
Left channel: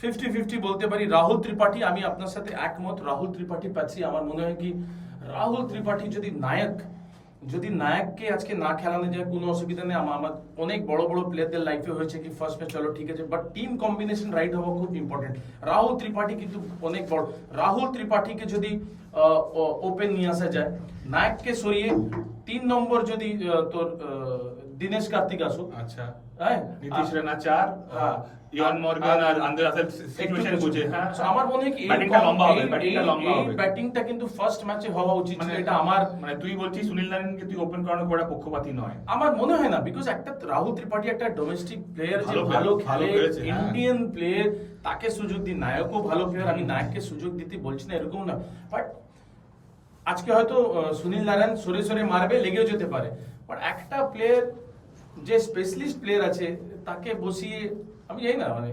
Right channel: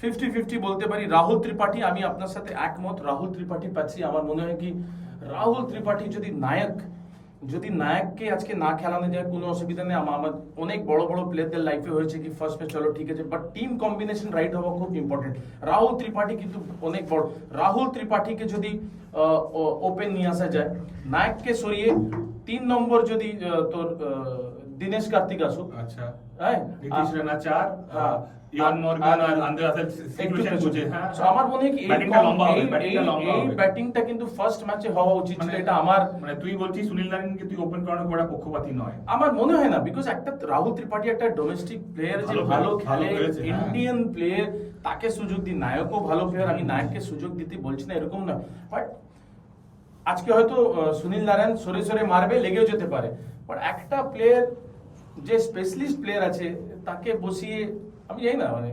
50-50 বলতে পারি। রাহুল ত্রিপাঠী, আমি আপনার সাথে একমত। রাহুল ত্রিপাঠী পাচ্ছি, আমার মনে হয় কি রাহুল ত্রিপাঠী যদি নায়ক যদি নায়ককে আজকে না খেলানো যায় কোনো অসুবিধা নেই। আমার অনেক বড় বড় প্লেয়ারদের লাইফে হয়েছে কি ফার্স্ট ম্যাচ চলো ঠিক আছে, বাট টিম কম্বিনেশন রাইট হওয়া খুব ইম্পর্টেন্ট। রাহুল ত্রিপাঠী কিন্তু অনেক বড়, রাহুল ত্রিপাঠীকে যদি ওপেন নিয়ে আসা যায়, নায়ককে সরিয়ে 3 নম্বর যদি তোর দিনেশ কার্তিক আসুক, আচ্ছা হ্যাঁ নীতিশ রানা 4, হ্যাঁ, ইয়ন মর্গান আর আন্দ্রে রাসেল সিচুয়েশন বুঝে, হ্যাঁ So, আমার মনে হয় কি ব্যাটিংটা লম্বা হবে, ব্যাটিংটা লম্বা এই হবে। ব্যাটিংটা কিন্তু ফার্স্ট ম্যাচে হওয়া উচিত ছিল, মানে এটা আমার মানে তুই বলছিস সুনীল নারিনকে তুই ওপেন করানোর বড় পক্ষপাতী নয়? আমার মনে হয় না, বিকজ একটা রাহুল ত্রিপাঠী একটা ডোমেস্টিক প্লেয়ার যে ভালো ভালো player, ভালো খেলে, খেলেছে, হ্যাঁ। ইন্ডিয়ান প্লেয়ার, তাকে সুযোগ দি। নায়কও ভালো প্লেয়ার, আমি নায়ককে সুযোগ দিতে বলছি না এরকম না, বাট আজকে হয়তো সুনীল নারায়ণ সরে সরে মারবে, লেগেও যেতে পারে, বাট একটা প্লেয়ার যে স্পেশালিস্ট প্লেয়ার আছে তাকে বসিয়ে আমি জানি না, মানে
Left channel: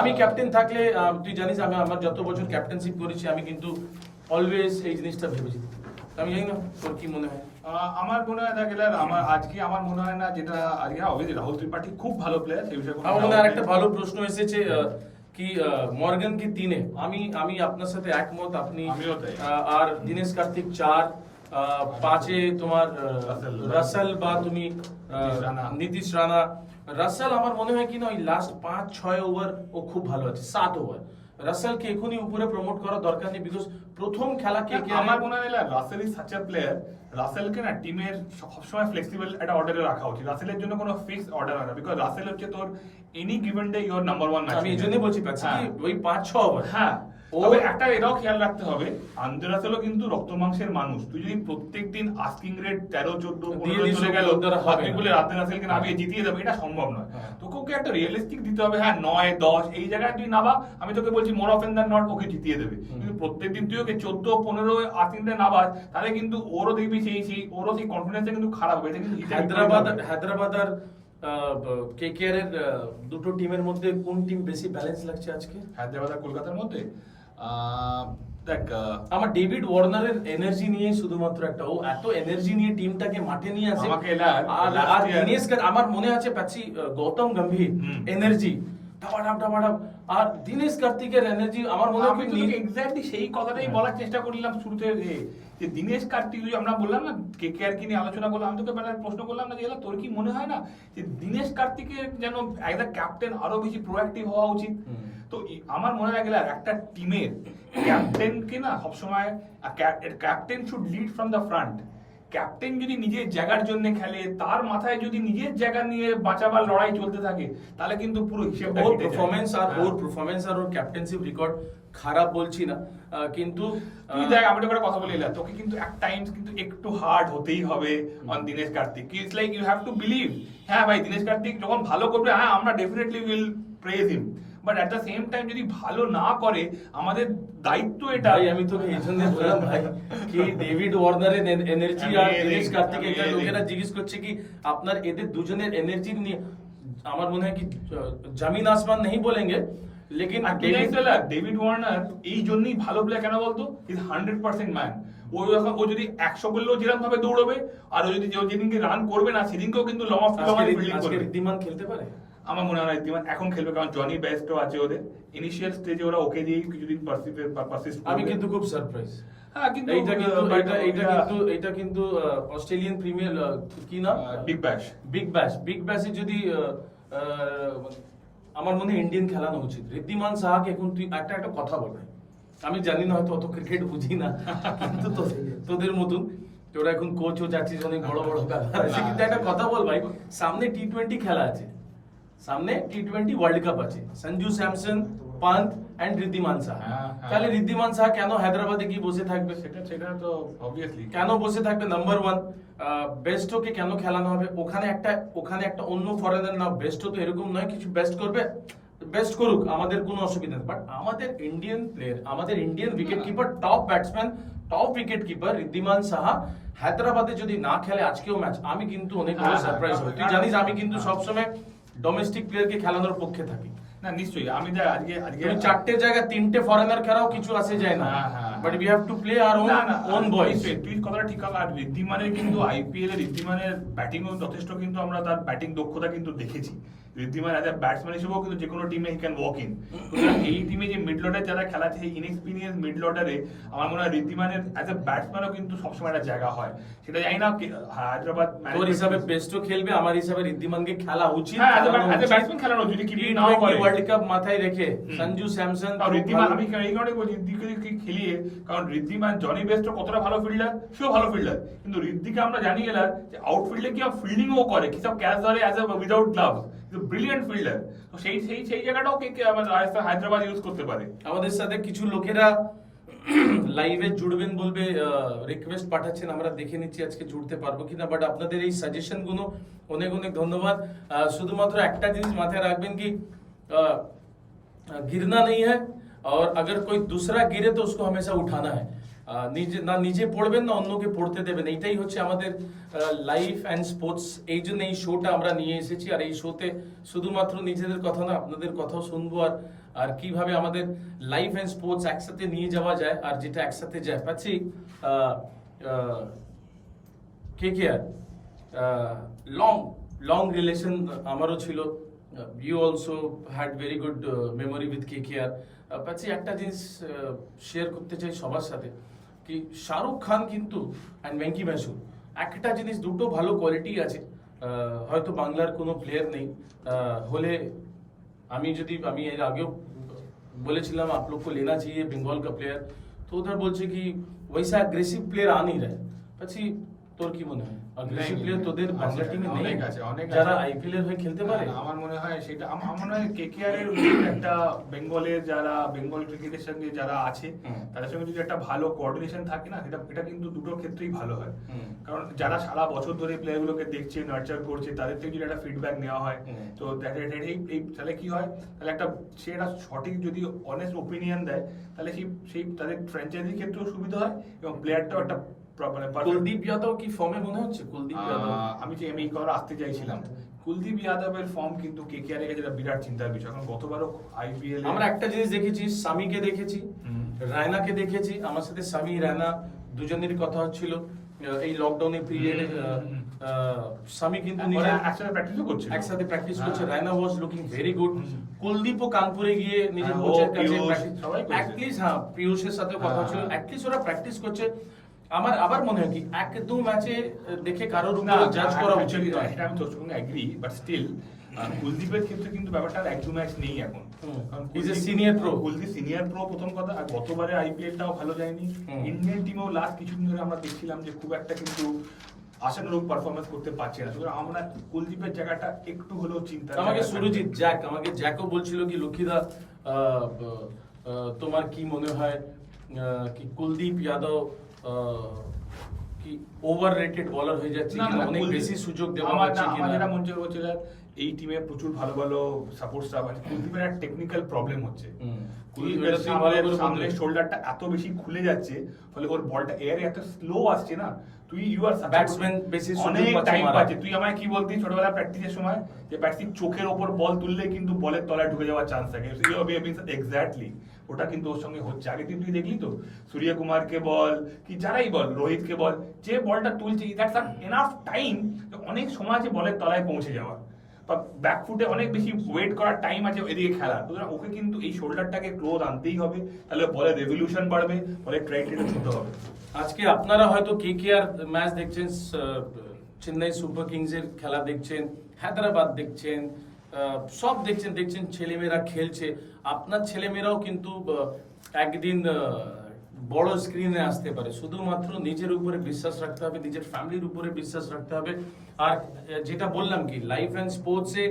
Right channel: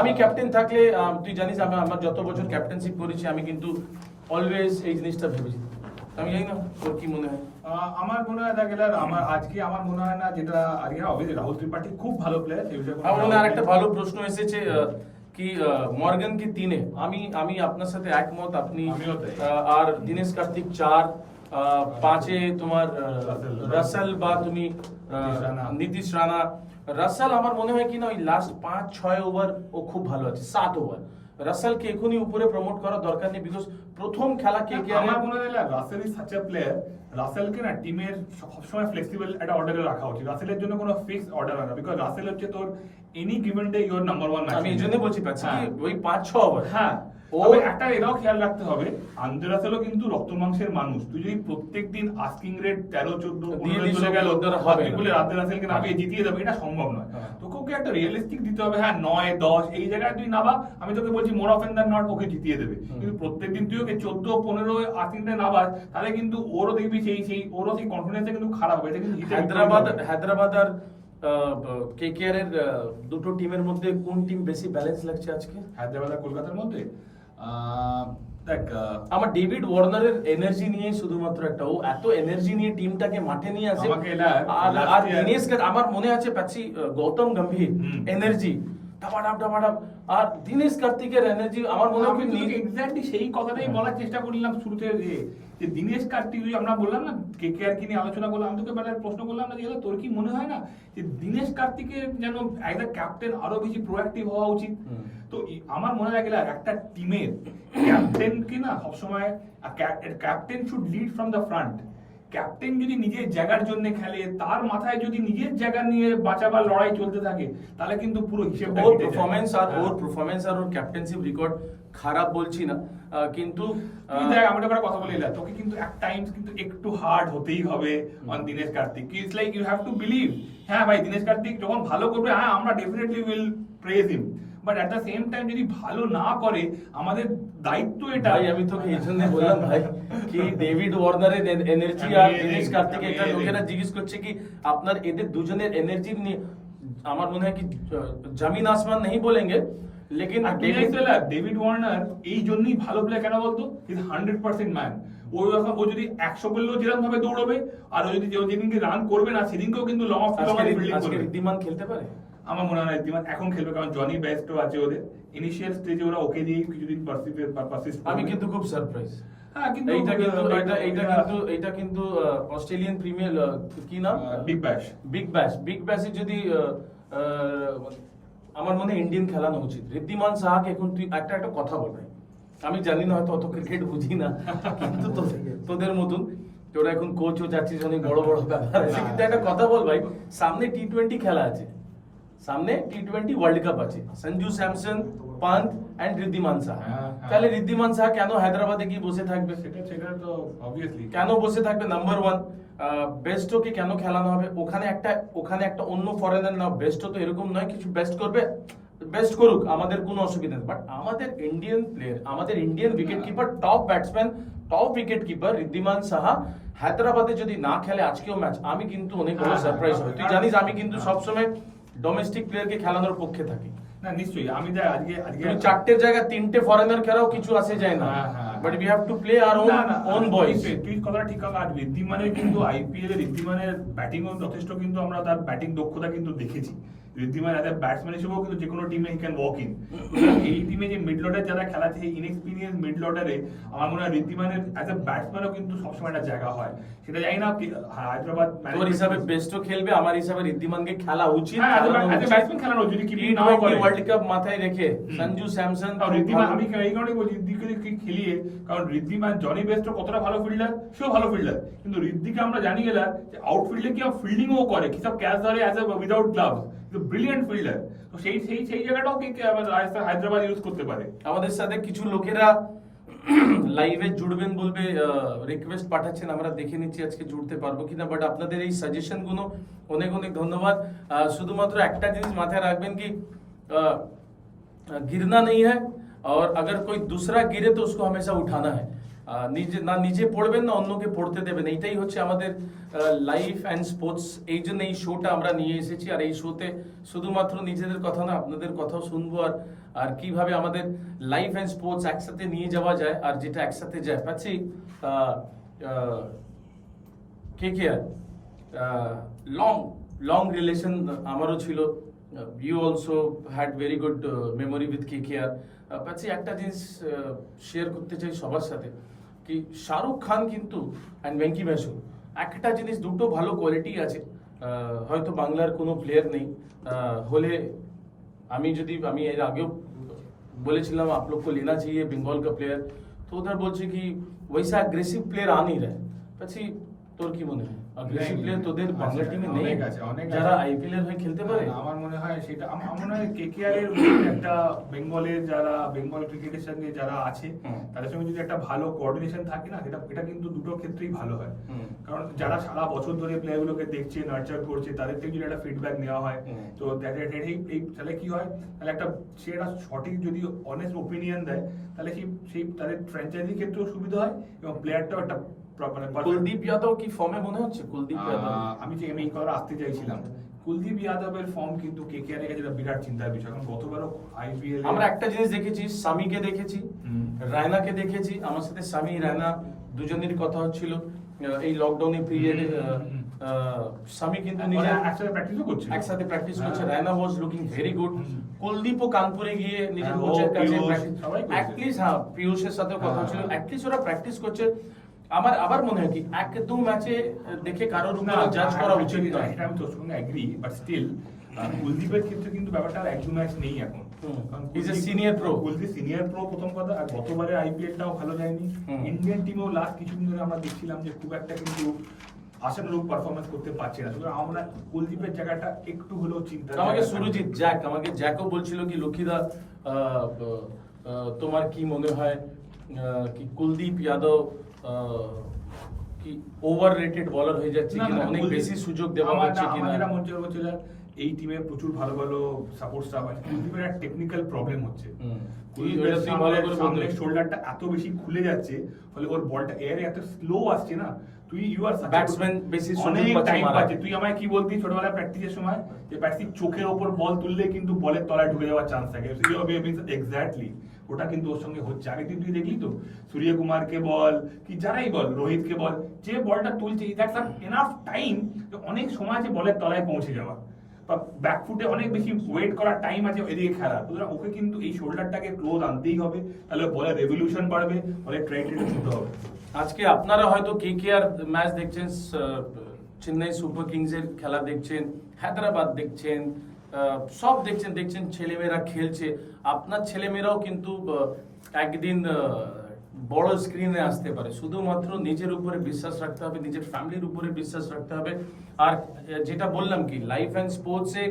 আমি ক্যাপ্টেন থাকলে তুই জানিস আমি আমার যত বছর ক্যাপ্টেনশিপ করেছি আমি কিন্তু অলওয়েজ এই জিনিসটা ভেবেছি। আমি জানি না তোর কি মনে হয়? আমার মনে হয় দেখলে আমার মনে হয় না, যেটা আজকে অবভিয়াসলি রাহুল ত্রিপাঠী খুব ভালো প্লেয়ার, সেই বিষয়ে কোনো আমার মনে doubt হয় আরেকটা নেই। ভালো প্রশ্ন এসেছে কি মর্গান কি 3-এ, আমি আপনার সাথে একমত, আপনি আমিও তাই। আর দীনেশ কার্তিক 4, 5-এ তোমার রাসেল বা তুমি নীতিশ রানা। নীতিশ রানা। রাসেল আমার মনে হয় কি না ওই লাস্ট 5-6 ওভার ও খুব ভালো আছে, 7 ওভার রাসেলকে এখনই উপরে প্রমোট করার দরকার নেই, বিকজ প্রথম খেলা কে কে আমার মনে হয় Russell is such a player, রাসেলকে না টিমের সবসময় ফ্লেক্সিবল একটা অর্ডারে রাখা উচিত। রাসেলের জন্য কোনো ফিক্স অর্ডার হয় না, বিকজ রাসেল হচ্ছে তোর any given day your number 1 match. আমি এই জন্য বলছি পাচ্ছি কি ওই 5-6 ওভার। হ্যাঁ, তবে একটা এটাও খেয়াল রাখতে হবে, আন্দ্রে রাসেলও কিন্তু রক্ত মাংসের মানুষ। তুই যদি প্রত্যেকদিন আস্কিং রেট 13, 14, 15 চলে গেল, হবে তুই না। বলে আন্দ্রে রাসেলকে নামিয়ে জিতিয়ে দেবে, এটা সম্ভব নয়। হ্যাঁ। তোকে ওকে একটা রিয়েলিস্টিক দিতে হবে, হ্যাঁ 9, 10 এই জায়গায় তুই নাবা, আমি তোকে বলছি more often than not okay জিতিয়ে দেবে। কিন্তু প্রত্যেকদিন তুই ওকে 14, 15 আস্কিংটা নাবাস, তাহলে কিন্তু ওরও দেখবি ওরও সেই কনফিডেন্সটা কিন্তু খারাপ হবে। এটা কিন্তু হায়দ্রাবাদ আর কেকেআর এর দুটো টিমের মধ্যে কোন টিম বেশি ব্যালেন্স লাগছে আজকে? হায়দ্রাবাদ আর কলকাতার মধ্যে দেখ আমার ডেভিড ওয়ার্নারের এনার্জি নিয়ে শুধুমাত্র একটা, ও এত এনার্জি নিয়ে টিমটাকে মাঠে নিয়ে আসে। আমাকে আর দিনেশ আমার মনে আছে পাচ্ছি গৌতম গম্ভীর এনার্জি ডাবাডাব, আর দিনেশ কার্তিকের এনার্জি আমার মনে হয় এক্স্যাক্টলি সেই কথাটাই বলার চেষ্টা করলাম শুরুতে, যে দিনেশ কার্তিক, আমরা বললাম না কেকেআর কি নিয়ে আলোচনা করলাম, আমি তোকে প্রশ্ন করলাম না যে তোর কি মনে হয় না যে দিনেশ কার্তিকের যেন অ্যাজ আ ক্যাপ্টেন আরো বেশি প্রোঅ্যাক্টিভ হওয়া উচিত? তো আমার মনে লাগে একটা টিমের ক্যাপ্টেনকে না সবসময় captain should lead from the front. Captain যদি নিজের জায়গার জন্য খেলে, তার মাথায় যদি নিজের জায়গা নিয়ে বাঁচাবার লড়াই চলতে থাকে, তাহলে কিন্তু পুরো হিসেবটা ওর কেটে যায়। পারফরম্যান্স আর ওর ক্যাপ্টেনশিপ রেকর্ড খারাপ বলছি না, কিন্তু তুই দেখ, আমি তোকে একটা কথা বলে এলাম, তোকে কিন্তু এক টাইমস কিন্তু একটু হার্ড হতেই হবে on Dinesh Karthik. It's like you have to believe, হ্যাঁ ভাই দিনেশ কার্তিক যখন ভালো করবে, হ্যাঁ আমরা definitely will praise him, but at the same time যদি ভালো না করে, আমাদের দায়িত্ব এটা। ভাই আমি তোকে এই জন্য বললাম ভাই কি ডেভিড ওয়ার্নারের এনার্জি আর দিনেশ কার্তিক, এটা লোকেরা জিজ্ঞেস করছে কি আপনার এদের দুজনের এনার্জি নিয়ে, আমার মনে হয় কি জমিন আসমান নেই বলেंगे, লেকিন ডেভিড ওয়ার্নার এই জন্যই ভালো প্লেয়ার কেন বলতো, ইজ 100% ম্যান। ও যদি 100 করলেও যেরকম ভাবে দৌড়বে, আর ও যদি যেদিনকে রান করবে না সেদিনকেও কিন্তু লং অফ ফিল্ডিং করবে। ঋদ্ধিমান খেলতে পারে? আমার মনে হয় না ঋদ্ধিমান এখন খেলবে, কারণ জনি বেস্টও আছে ওদের। ইনিশিয়াল স্টেজে ওরা ওকে দিয়ে কিছুদিন পারসিস্ট। আমি কিন্তু খুব সারপ্রাইজ। হ্যাঁ, কিন্তু এইটা কিন্তু অস্ট্রেলিয়ান প্রিমিয়ার কি নাম, বিগ ব্যাশে যদি আমার মনে হয় ইন্ডিয়ান খেলানো উচিত। ঋদ্ধিমান সাহাকে এখন তুই একটা কথা বল ভাই, আমি জানি না হয়তো অত ক্রিকেট বুঝি না, কিন্তু তোদের মতন তোরা এখন কোচও যাচ্ছিস, অনেক বড় বড় ব্যাপার আছে, কিন্তু একটা কথা বল ভাই, সামনে T20 খেলা আছে, সামনে T20 ওয়ার্ল্ড কাপ আছে, সঞ্জু স্যামসন, পান্ত এন্ড ঋদ্ধিমান সাহা। তাহলে ঋদ্ধিমান সাহা কেন হায়দ্রাবাদে গিয়ে বসে থাকবে? সেটা তো অবভিয়াসলি কেন বসে থাকবে? নাম্বার 1 বেস্টকে কেন খেলানো হবে? ওখানে একটা অন্য ফরেনার না, বেস্ট তো এরকম নয় কিছু বেস্ট করবে, বেস্ট করুক, আমাদের কোনো অসুবিধা নেই, বাট আমাদের ইন্ডিয়ান প্লেয়ার, আমাদের Indian wicket keeper, top batsman, top wicket keeper Wriddhiman Saha হায়দ্রাবাদে যদি না খেলে আজকেও ম্যাচ, আমি কিন্তু অনেক বড় সারপ্রাইজ হই। তুই জানিস আমি কিন্তু সবসময় ডোমেস্টিক প্লেয়ারকে খেলানোর পক্ষে থাকি না, নিশ্চয়ই। আমি আজকে তুমি 4টের জায়গায় 3টে ফরেনার খেলাও কিছু আসে যায় না। but we have to play our own boys. তুই কথাটা ঠিক কথা। আর ঋদ্ধিমানের কিন্তু আইপিএল এ ঋদ্ধিমানের ব্যাটিং ও যথেষ্ট, কিন্তু আমরা তার ব্যাটিং দক্ষতা কিন্তু দেখেছি। ঋদ্ধিমান অ্যাজ এ ব্যাটসম্যান হিসেবেও কিন্তু যে কোনো টিমে হি ক্যান ওয়াক ইন। এই টিমে যে মিড অর্ডার যারা খেলাচ্ছে, এই ইনএক্সপিরিয়েন্স মিড অর্ডারে আমার মনে হয় ঋদ্ধিমানের অ্যাজ এ ব্যাটসম্যানও কিন্তু সবসময় একটা জায়গা হয়। সেটা জানি না হায়দ্রাবাদ তোর হিসাবে বেস্টও খেলবে, আমার হিসাবে ঋদ্ধিমানকে খেলা উচিত। হ্যাঁ, অ্যাজ এ ব্যাটসম্যান খেলানো যদি কি নাও করে ওয়ার্ল্ড কাপ মাথায় রেখে সঞ্জু স্যামসন আর ঋদ্ধিমান, আমি এই কারণে বলছি ঋদ্ধিকে খেলিয়ে, কারণ ঋদ্ধিমান জনি বেস্টও কতটা ভালো ফিল্ডার, সেও ভালো ফিল্ডার, কিন্তু ঋদ্ধিকে আমরা জানি গেলাম যে আউটফিল্ডে কি ফিল্ডিংও করে, কি সব ক্যাচ ধরে as a without gloves, brilliant fielder. তো সেই জায়গাটাও কে আমাদের হায়দ্রাবাদ ইউজ করতে পারে। আমাদের সাথে কিছু লোকেরা লাইভে জুড়বেন বলবে, রিকোয়েস্ট পাঠাচ্ছেন, আমরা দেখে নিচ্ছি আজকে জুড়তে পারবো কিনা, বাট আপনাদের এই সাজেশন গুলো অনেক অনেক ধন্যবাদ। শুধুমাত্র একটা জিনিস মাথায় রাখবেন কি गिरना नहीं है, और अगर कोई दूसरा गिरे तो उसको हमेशा उठाना है। নিজে পড়বেন না অন্যকে পড়তে দেবেন, এইটাই হচ্ছে আমাদের লাইফ অ্যান্ড স্পোর্টস। এই জন্য এই শোটা আমরা নিয়ে এসেছি, আর এই শোতে শুধুমাত্র নিজেদের কথা না, আপনাদের কথাও শুনবো, আর কিভাবে আমাদের লাইফ অ্যান্ড স্পোর্টস একসাথে নিয়ে যাওয়া যায়, আর যেটা একসাথে যায় পাচ্ছি। কেকেআর লং রিলেশন আমারও ছিল, you also had very good memory with KKR. পাচ্ছি একটা জিনিস শেয়ার করতে চাই সবার সাথে, কি শাহরুখ খান কিন্তু অ্যান্ড ভেঙ্কি মাসুর একটা জিনিস, দুটো ভালো কোয়ালিটি আছে। হয়তো বাংলার কোনো প্লেয়ার নেই হলে, আমি এর আগেও বলেছিলাম आप लोग को लेना चाहिए बंगाल का प्लेयर, तो उधर বলছে কি वैसा अग्रेसिव प्लेयर आ नहीं रहा है। પછી তোর কি মনে হয় अग्रेसिव प्लेयर তোদের বাংলা টিমে নেই যারা আইপিএল এর হয়ে খেলতে পারে? আমার মনে হয় সেটা, আমার মনে হয় কেকেআর এর একটা বেঙ্গলের যারা বেঙ্গল ক্রিকেটের সঙ্গে যারা আছে তাদের সঙ্গে যদি একটা ভালো কোঅর্ডিনেশন থাকে না, এটা কিন্তু দুটো ক্ষেত্রেই ভালো হয়। কারণ যারা সারা বছর ধরে প্লেয়ারগুলোকে দেখছে, নার্চার করছে, তাদের থেকে যদি একটা ফিডব্যাক নেওয়া হয়, তো এই তাহলে কি হয়, তাহলে সে একটা সঠিক যদি অনেস্ট ওপিনিয়ন দেয়, তাহলে সেই তাদের ফ্র্যাঞ্চাইজির ক্ষেত্রেও সুবিধা হয় এবং প্লেয়ারটাও একটা কুলদীপ যাদব কি ফর্মে মনে হচ্ছে? কুলদীপ যাদব আমি এই কথা আসতে চাইছিলাম, কুলদীপ যাদবের ফর্ম কিন্তু কেকেআর এর কাছে বিরাট চিন্তার বিষয়। কারণ গতবারও আইপিএল আমরা একটা জিনিস দেখেছি, সামিকে দেখেছি, রায়নাকে দেখেছি। আমার সাথে সামি রায়না দুজনেরই কথা হচ্ছিল এই লকডাউনের পিরিয়ডে। সামি কিন্তু নিজে একসাথে প্র্যাকটিস করছে। Raina was looking very good. কুলদীপও কানপুরে গিয়ে নিজের কোচের কাছে অ্যাটলিস্ট, হ্যাঁ পিয়ুষের সাথে কথা হচ্ছিল, অ্যাটলিস্ট ওরা প্র্যাকটিস করছে। আমার আবার মনে হয় কি এক দু ম্যাচে দেখে কারোর উপর জাজ করা উচিত নয়, এটা আমি তোর সঙ্গে এগ্রি, বাট স্টিল কুলদীপের ক্ষেত্রে কিন্তু ব্যাপারটা এক দু ম্যাচ নেই এখন। Is a senior pro, Kuldeep senior pro প্রথম কথা, আর গতবারে আইপিএলটাও ভালো যায়নি। ইন্ডিয়ান টিমেও লাস্ট কিছুদিন ধরে আমরা দেখছিলাম যে খুব একটা কিন্তু আশানুরূপ পারফরমেন্স করতে পারছে না। সুতরাং আমরা কুলদীপের জায়গাটা একটু হলেও চিন্তা। আমাকে সুরজিৎ জ্যাকও বলছিল কি লক্ষ্মীদা তোমার কি মনে হয় কি কুলদীপ যাদব কি ওভাররেটেড বলার হয়ে যাচ্ছে কিনা, অনেক বেশি সুযোগ দেওয়া হচ্ছে কিনা? আমার যেটা মনে হচ্ছে এই টিমে প্রচুর ভালো ভালো সাপোর্ট স্টাফ আছে, কুলদীপের একটা টেকনিক্যাল প্রবলেম হচ্ছে। কুলদীপের সামনে শোল্ডারটা এত বেশি খুলে যাচ্ছে, ফলে ওর বলটা এয়ারে এত স্লো আসছে না। ইউ আর ব্যাটসম্যান বেশি অনেক টাইম পাচ্ছে। তুই আমায় কি বলতি ছোটবেলা প্র্যাকটিসের সময় যে ব্যাটসম্যান চোখের ওপর বল তুললে কিন্তু বলের তলায় ঢুকে যাওয়ার চান্স থাকে। এক্স্যাক্টলি ওটা কিন্তু ওর সঙ্গে হচ্ছে। আগে তুই দেখলি তো সূর্যকুমারকে বল কি যারাই বল, রোহিতকে বল, যে বলটা তুলছে দ্যাটস এনাফ টাইম, অনেক সময় আছে বলের তলায় পৌঁছে যাওয়া, বা ব্যাকফুটে অনেক বেশি ওয়েট করার টাইম আছে এদিকে খেলা। সুতরাং ওকে কিন্তু এই শোল্ডারটাকে ক্লোজ আনতেই হবে, তাহলে বলের রেভলিউশন বাড়বে, বলের ট্রাই রেট ছোট হবে। আজকে আপনারা হয়তো কেকেআর ম্যাচ দেখছেন, চেন্নাই সুপার কিংস এর খেলা দেখছেন, হায়দ্রাবাদ দেখছেন, সব দেখছেন ছেলেমেয়েরা খেলছে। আপনার ছেলেমেয়েরাও কিন্তু একদিন বড় স্ক্রিনে আসতে পারে। শুধুমাত্র নিজের উপরে বিশ্বাস রাখতে হবে, নিজের ফ্যামিলির উপরে বিশ্বাস রাখতে হবে। আর যেটা বললাম কি লাইফ অ্যান্ড স্পোর্টসে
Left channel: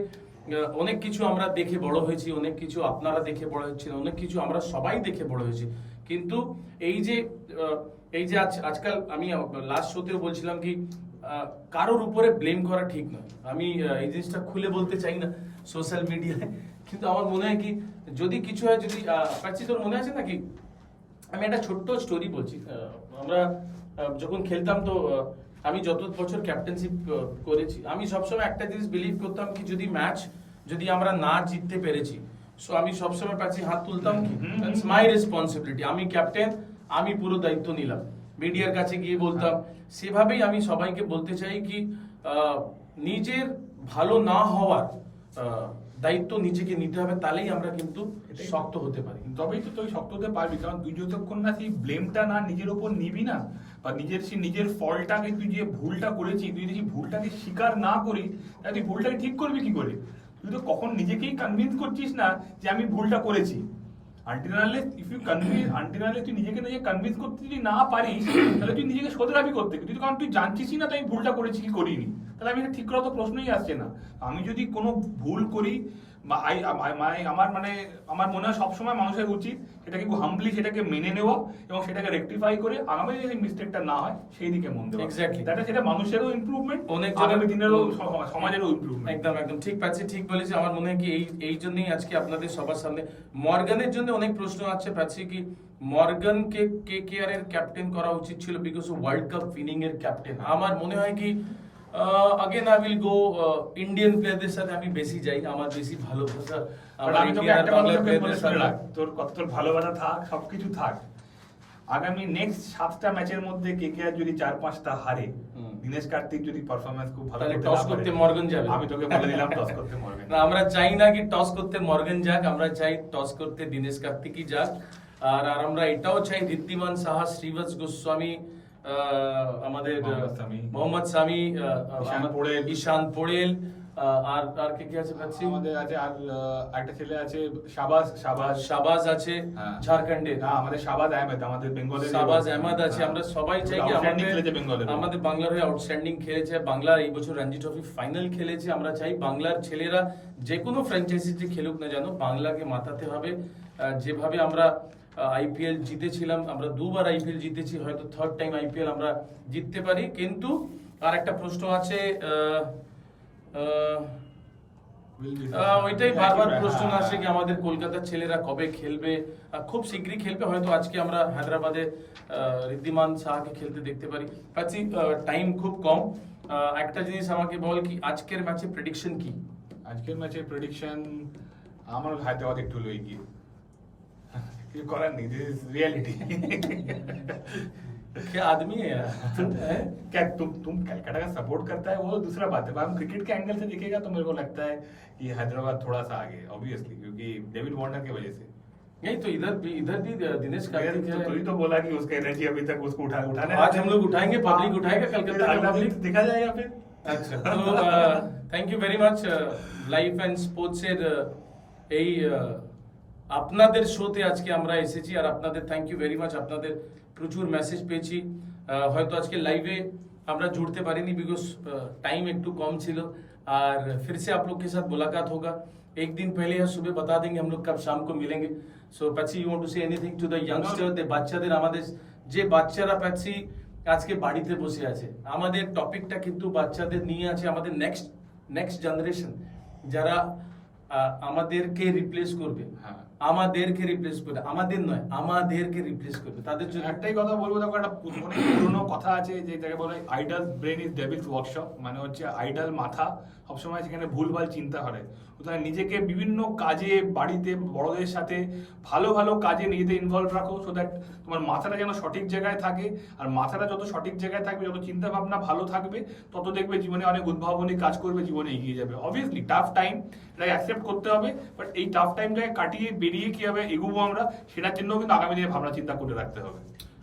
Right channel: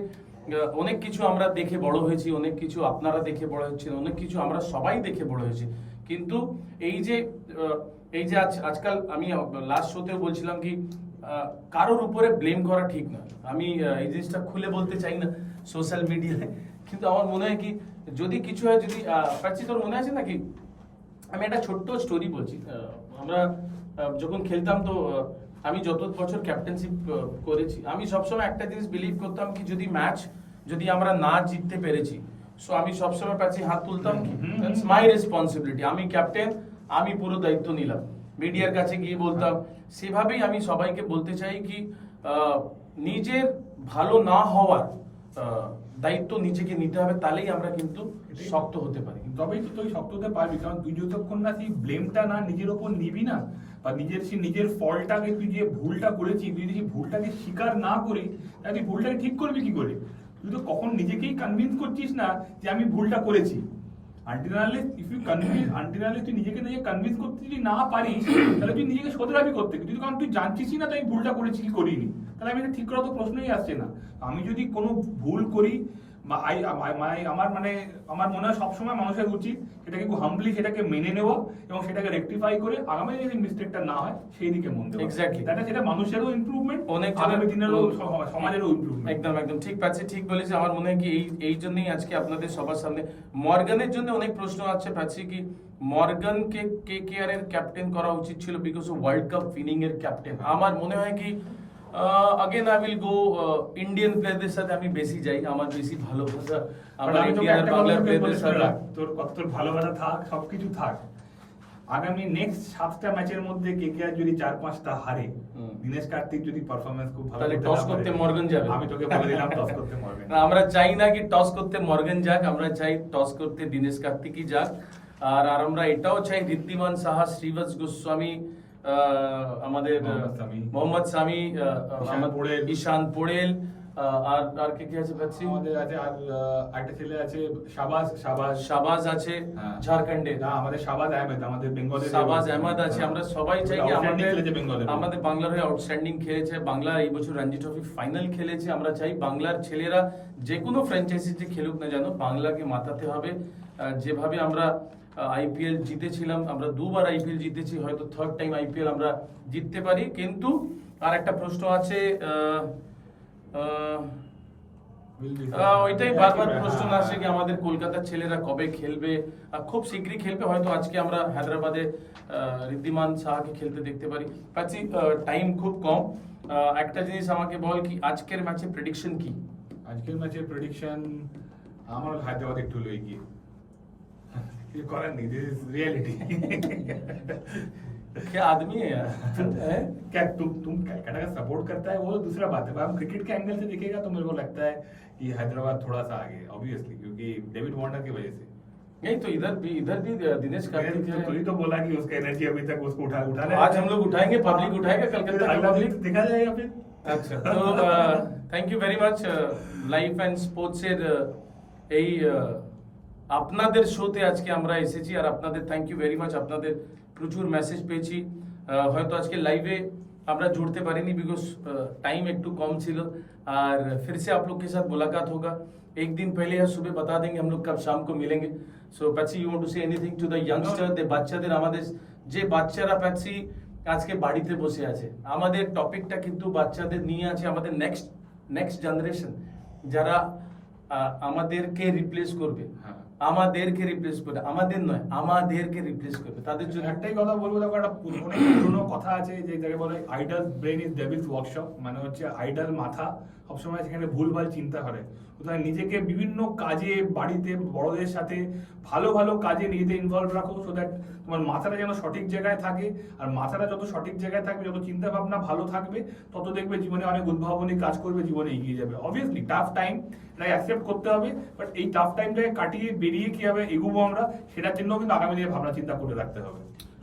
অনেক কিছু আমরা দেখে বড় হয়েছি, অনেক কিছু আপনারা দেখে বড় হচ্ছেন, অনেক কিছু আমরা সবাই দেখে বড় হয়েছি। কিন্তু এই যে আজকাল আমি লাস্ট শোতেও বলছিলাম কি কারোর উপরে ব্লেম করা ঠিক নয়। আমি এই জিনিসটা খুলে বলতে চাই না সোশ্যাল মিডিয়ায়, কিন্তু আমার মনে হয় কি যদি কিছু হয়, যদি পাচ্ছি তোর মনে আছে নাকি, আমি একটা ছোট্ট স্টোরি বলছি। আমরা যখন খেলতাম, তো আমি যত বছর ক্যাপ্টেনশিপ করেছি, আমি সবসময় একটা জিনিস বিলিভ করতাম কি যদি আমরা না জিততে পেরেছি, সো আমি সবসময় পাচ্ছি হাত তুলতাম কি ইটস মাই রেসপন্সিবিলিটি, আমি ক্যাপ্টেন, আমি পুরো দায়িত্ব নিলাম, মিডিয়ার কাছে গিয়ে বলতাম। সেভাবেই আমি সবাইকে বলতে চাই কি নিজের ভালো না হওয়ার দায়িত্ব নিজেকে নিতে হবে, তাহলেই আমরা কিন্তু শক্ত হতে পারি। তবেই তো তুই শক্ত হতে পারবি, কারণ তুই যতক্ষণ না সেই ব্লেমটা না নিজের ওপর নিবি না, বা নিজের ফলটাকে, তুই যে ভুলটা করেছিস, তুই যদি ভুলটাকে স্বীকার না করি, তাহলে তুই ভুলটাকে ঠিক করবি কি করে? তুই তো কখন নিজেকেই কনভিন্স করছিস না যে আমি ভুলটা করেছি। তুই নিজেকে কনভিন্স করতে যদি না পারিস, তাহলে তুই নিজেকে শোধরাবি করতে, কারণ তুই জানছিস না তাই ভুলটা করেছি কি করিনি, তাহলে আমি ঠিক করা তো প্রশ্নই আসছে না। আমি যদি কোনো ভুল করি, আমার মনে হয় সবসময় মানুষের উচিত সেটাকে খুব হাম্বলি সেটাকে মেনে নেওয়া এবং সেটাকে রেকটিফাই করে আগামী যদি মিস্টেকটা না হয় সেই দিকে মন দেওয়া। এক্স্যাক্টলি, তাহলে সেটা মানুষেরও ইমপ্রুভমেন্ট, অনেক আগামী দিনেরও সমাজেরও ইমপ্রুভমেন্ট। একদম একদম ঠিক পাচ্ছি, ঠিক বলেছি। আমার মনে হয় কি এই জন্যই আজকে আপনাদের সবার সামনে মর্গানের জন্য অনেক প্রশ্ন আছে পাচ্ছি কি মর্গানকে কেকেআর এর ক্যাপ্টেন করা উচিত ছিল, বিকজ ও ওয়ার্ল্ড কাপ উইনিং এর ক্যাপ্টেন। আমার মনে হয় কি again I will go Indian प्लेयरদের সাথে আমি বেশি যাই, আমার বেশি ভালোবাসা আমার ইন্ডিয়ান আর বাংলা প্লেয়ারদের সাথে। তোর ভালোবাসা থাক, সবকিছু থাক, আগামী নেক্সট 7টা ম্যাচের মধ্যে কেকেআর যদি 4-5টা হারে, দিনেশ কার্তিক যদি পারফরম্যান্স খুব ভালো তাহলে টস করতে মর্গান যাবে। আমি তোকে বলে দিলাম টস করতে মর্গান। না, আমরা চাই না কি টস করতে মর্গান যাক, আমরা চাই টস করতে দিনেশ কার্তিকই যাক। আর আমরা এটাও চাই ঋদ্ধিমান সাহা, শ্রীবৎস গোস্বামী, আমাদের মোহাম্মদ সামি, ঈশান পোড়েল, আর কে আছে পাচ্ছি, আমাদের আছে আর একটা ছেলে আছে শাবাজ আছে ঝাড়খণ্ডে, না আমাদের শাবাজ আহমেদ, আমাদের বেঙ্গলের শাবাজ আহমেদ আছে। আমরা সবাই চাই কি আমাদের বাংলার হয়ে আউটস্ট্যান্ডিং খেলেছে, বাংলার এই বছর রঞ্জি ট্রফি ফাইনাল খেলেছে। আমরা চাই বাংলার ছেলেরা যে কোনো ফ্র্যাঞ্চাইজিতে খেলুক না জানো, বাংলাকে মাতাতে হবে। যেভাবে আমরা আইপিএল জিতেছিলাম, আমরা 2বার আইপিএল জিতেছি, হয়তো 3rd টাইম আইপিএল আমরা জিততে পারি। কিন্তু আর একটা প্রশ্ন আছে, ওইটাই বারবার প্রশ্ন আসে কি আমাদের কলকাতার ছেলেরা কবে খেলবে। খুব শীঘ্রই খেলবে, হয়তো আজকে আমরা হায়দ্রাবাদে ঋদ্ধিমান সাহাকে খেলতে দেখতে পারি। পাচ্ছি টাইম খুব কম, একটা জিনিস আমাকে বল কি আজকের ম্যাচে প্রেডিকশন কি? আজকের ম্যাচে প্রেডিকশন আমার হায়দ্রাবাদ একটু লই গিয়ে, কিছু করার নেই, দিস ইজ रियलिटी। क्या आदमी है यार। क्या तुम कलकत्ता का सपोर्ट करता है वो दूसरा बात है, हम क्रिकेट के एंगल से देखेगा तो मेरे को लगता है कि हैदराबाद थोड़ा सा आगे ऑब्वियसली, क्योंकि डेविड वार्नर की वजह से। नहीं तो इधर भी दिनेश कार्तिक है। तू ही तो बोला कि उसका एनर्जी अभी तक उसको उठाने, आज हम लोग उठाएंगे, पब्लिक उठाएगा, कलकत्ता का पब्लिक देखा जाएगा फिर। আচ্ছা, তো thank you very much life and sports এর এই আপনাদের শোতে আজকে আমরা এসেছি। আর আপনাদের থ্যাংক ইউ ভেরি মাচ, আপনাদের প্রচুর মেসেজ পেয়েছি। হয়তো আজকে লাইভে আমরা जुड़ते পারিনি बिकॉज टाइम একটু কম ছিল। আর फिर से आप लोग के साथ मुलाकात होगा एक दिन पहले या सुबह बता देंगे हम लोग कब शाम को मिलेंगे। So Patsy you want to say anything to the youngster, দে বাচ্চাদের, আমাদের যে বাচ্চারা প্যাটসি আজকে বাড়িতে বসে আছে, আমাদের টপিকটা কিন্তু বাচ্চাদের নিয়ে আছে, আমাদের নেক্সট জেনারেশন যারা আমাদেরকে রিপ্লেস করবে, আমাদেরকে রিপ্লেস করবে, আমাদের নয় আমাদেরকে রিপ্লেস করবে, তাদের জন্য একটাই কথা বলবো। দেখো একটা অনেক পুরনো কথা আছে যে যাকে বলে idol brain is Devil's workshop, মানে হচ্ছে আইডল মাথা সবসময় সেখানে ভুলভাল চিন্তা করে। সুতরাং নিজেকে বিভিন্ন কাজে, বাড়িতে বড়দের সাথে ভালো ভালো কাজে নিজেদের ইনভলভ রাখো, সো দ্যাট তোমার মাথাটা যেন সঠিক জায়গায় থাকে। আর মাথাটা যত সঠিক জায়গায় থাকবে, যত চিন্তা ভাবনা ভালো থাকবে, তত দেখবে জীবনে অনেক উদ্ভাবনী কাজ করবে, জীবনে এগিয়ে যাবে। অবভিয়াসলি টাফ টাইম, এটাকে অ্যাকসেপ্ট করতে হবে, বাট এই টাফ টাইমটাকে কাটিয়ে বেরিয়ে কিভাবে এগোবো আমরা, সেটার জন্য কিন্তু আগামী দিনে ভাবনা চিন্তা করে রাখতে হবে।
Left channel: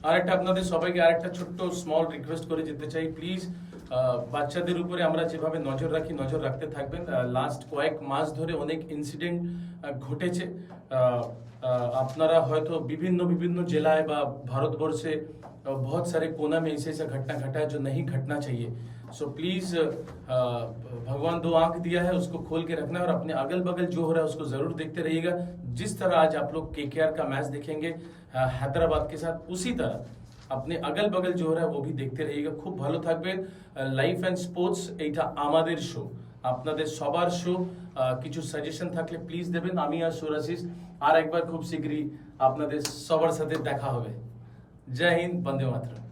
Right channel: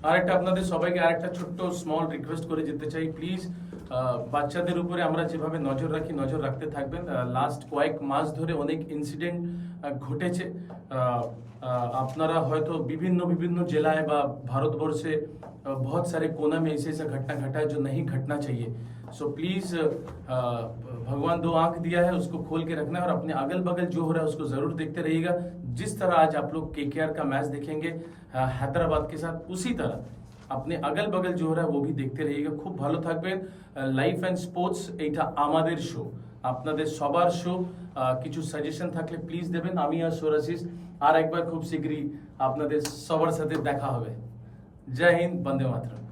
আরেকটা আপনাদের সবাইকে আরেকটা ছোট্ট স্মল রিকোয়েস্ট করে যেতে চাই, প্লিজ বাচ্চাদের উপরে আমরা যেভাবে নজর রাখি নজর রাখতে থাকবেন। লাস্ট কয়েক মাস ধরে অনেক ইনসিডেন্ট ঘটেছে, আপনারা হয়তো বিভিন্ন জেলায় বা ভারতবর্ষে बहुत सारे कोना में ऐसे घटना घटा है जो नहीं घटना चाहिए। सो प्लीज भगवान 2 आंख दिया है, उसको खोल के रखना है और अपने अगल बगल जो हो रहा है उसको जरूर देखते रहिएगा। जिस तरह आज आप लोग केकेआर का मैच देखेंगे हैदराबाद के साथ, उसी तरह अपने अगल बगल जो हो रहा है वो भी देखते रहिएगा। खूब ভালো থাকবেন। লাইফ অ্যান্ড স্পোর্টস এইটা আমাদের শো, আপনাদের সবার শো। কিছু সাজেশন থাকলে প্লিজ দেবেন। আমি আর সোরাশিস আর একবার খুব শীঘ্রই আপনাদের সবার সাথে দেখা হবে। জয় হিন্দ, বন্দে মাতরম।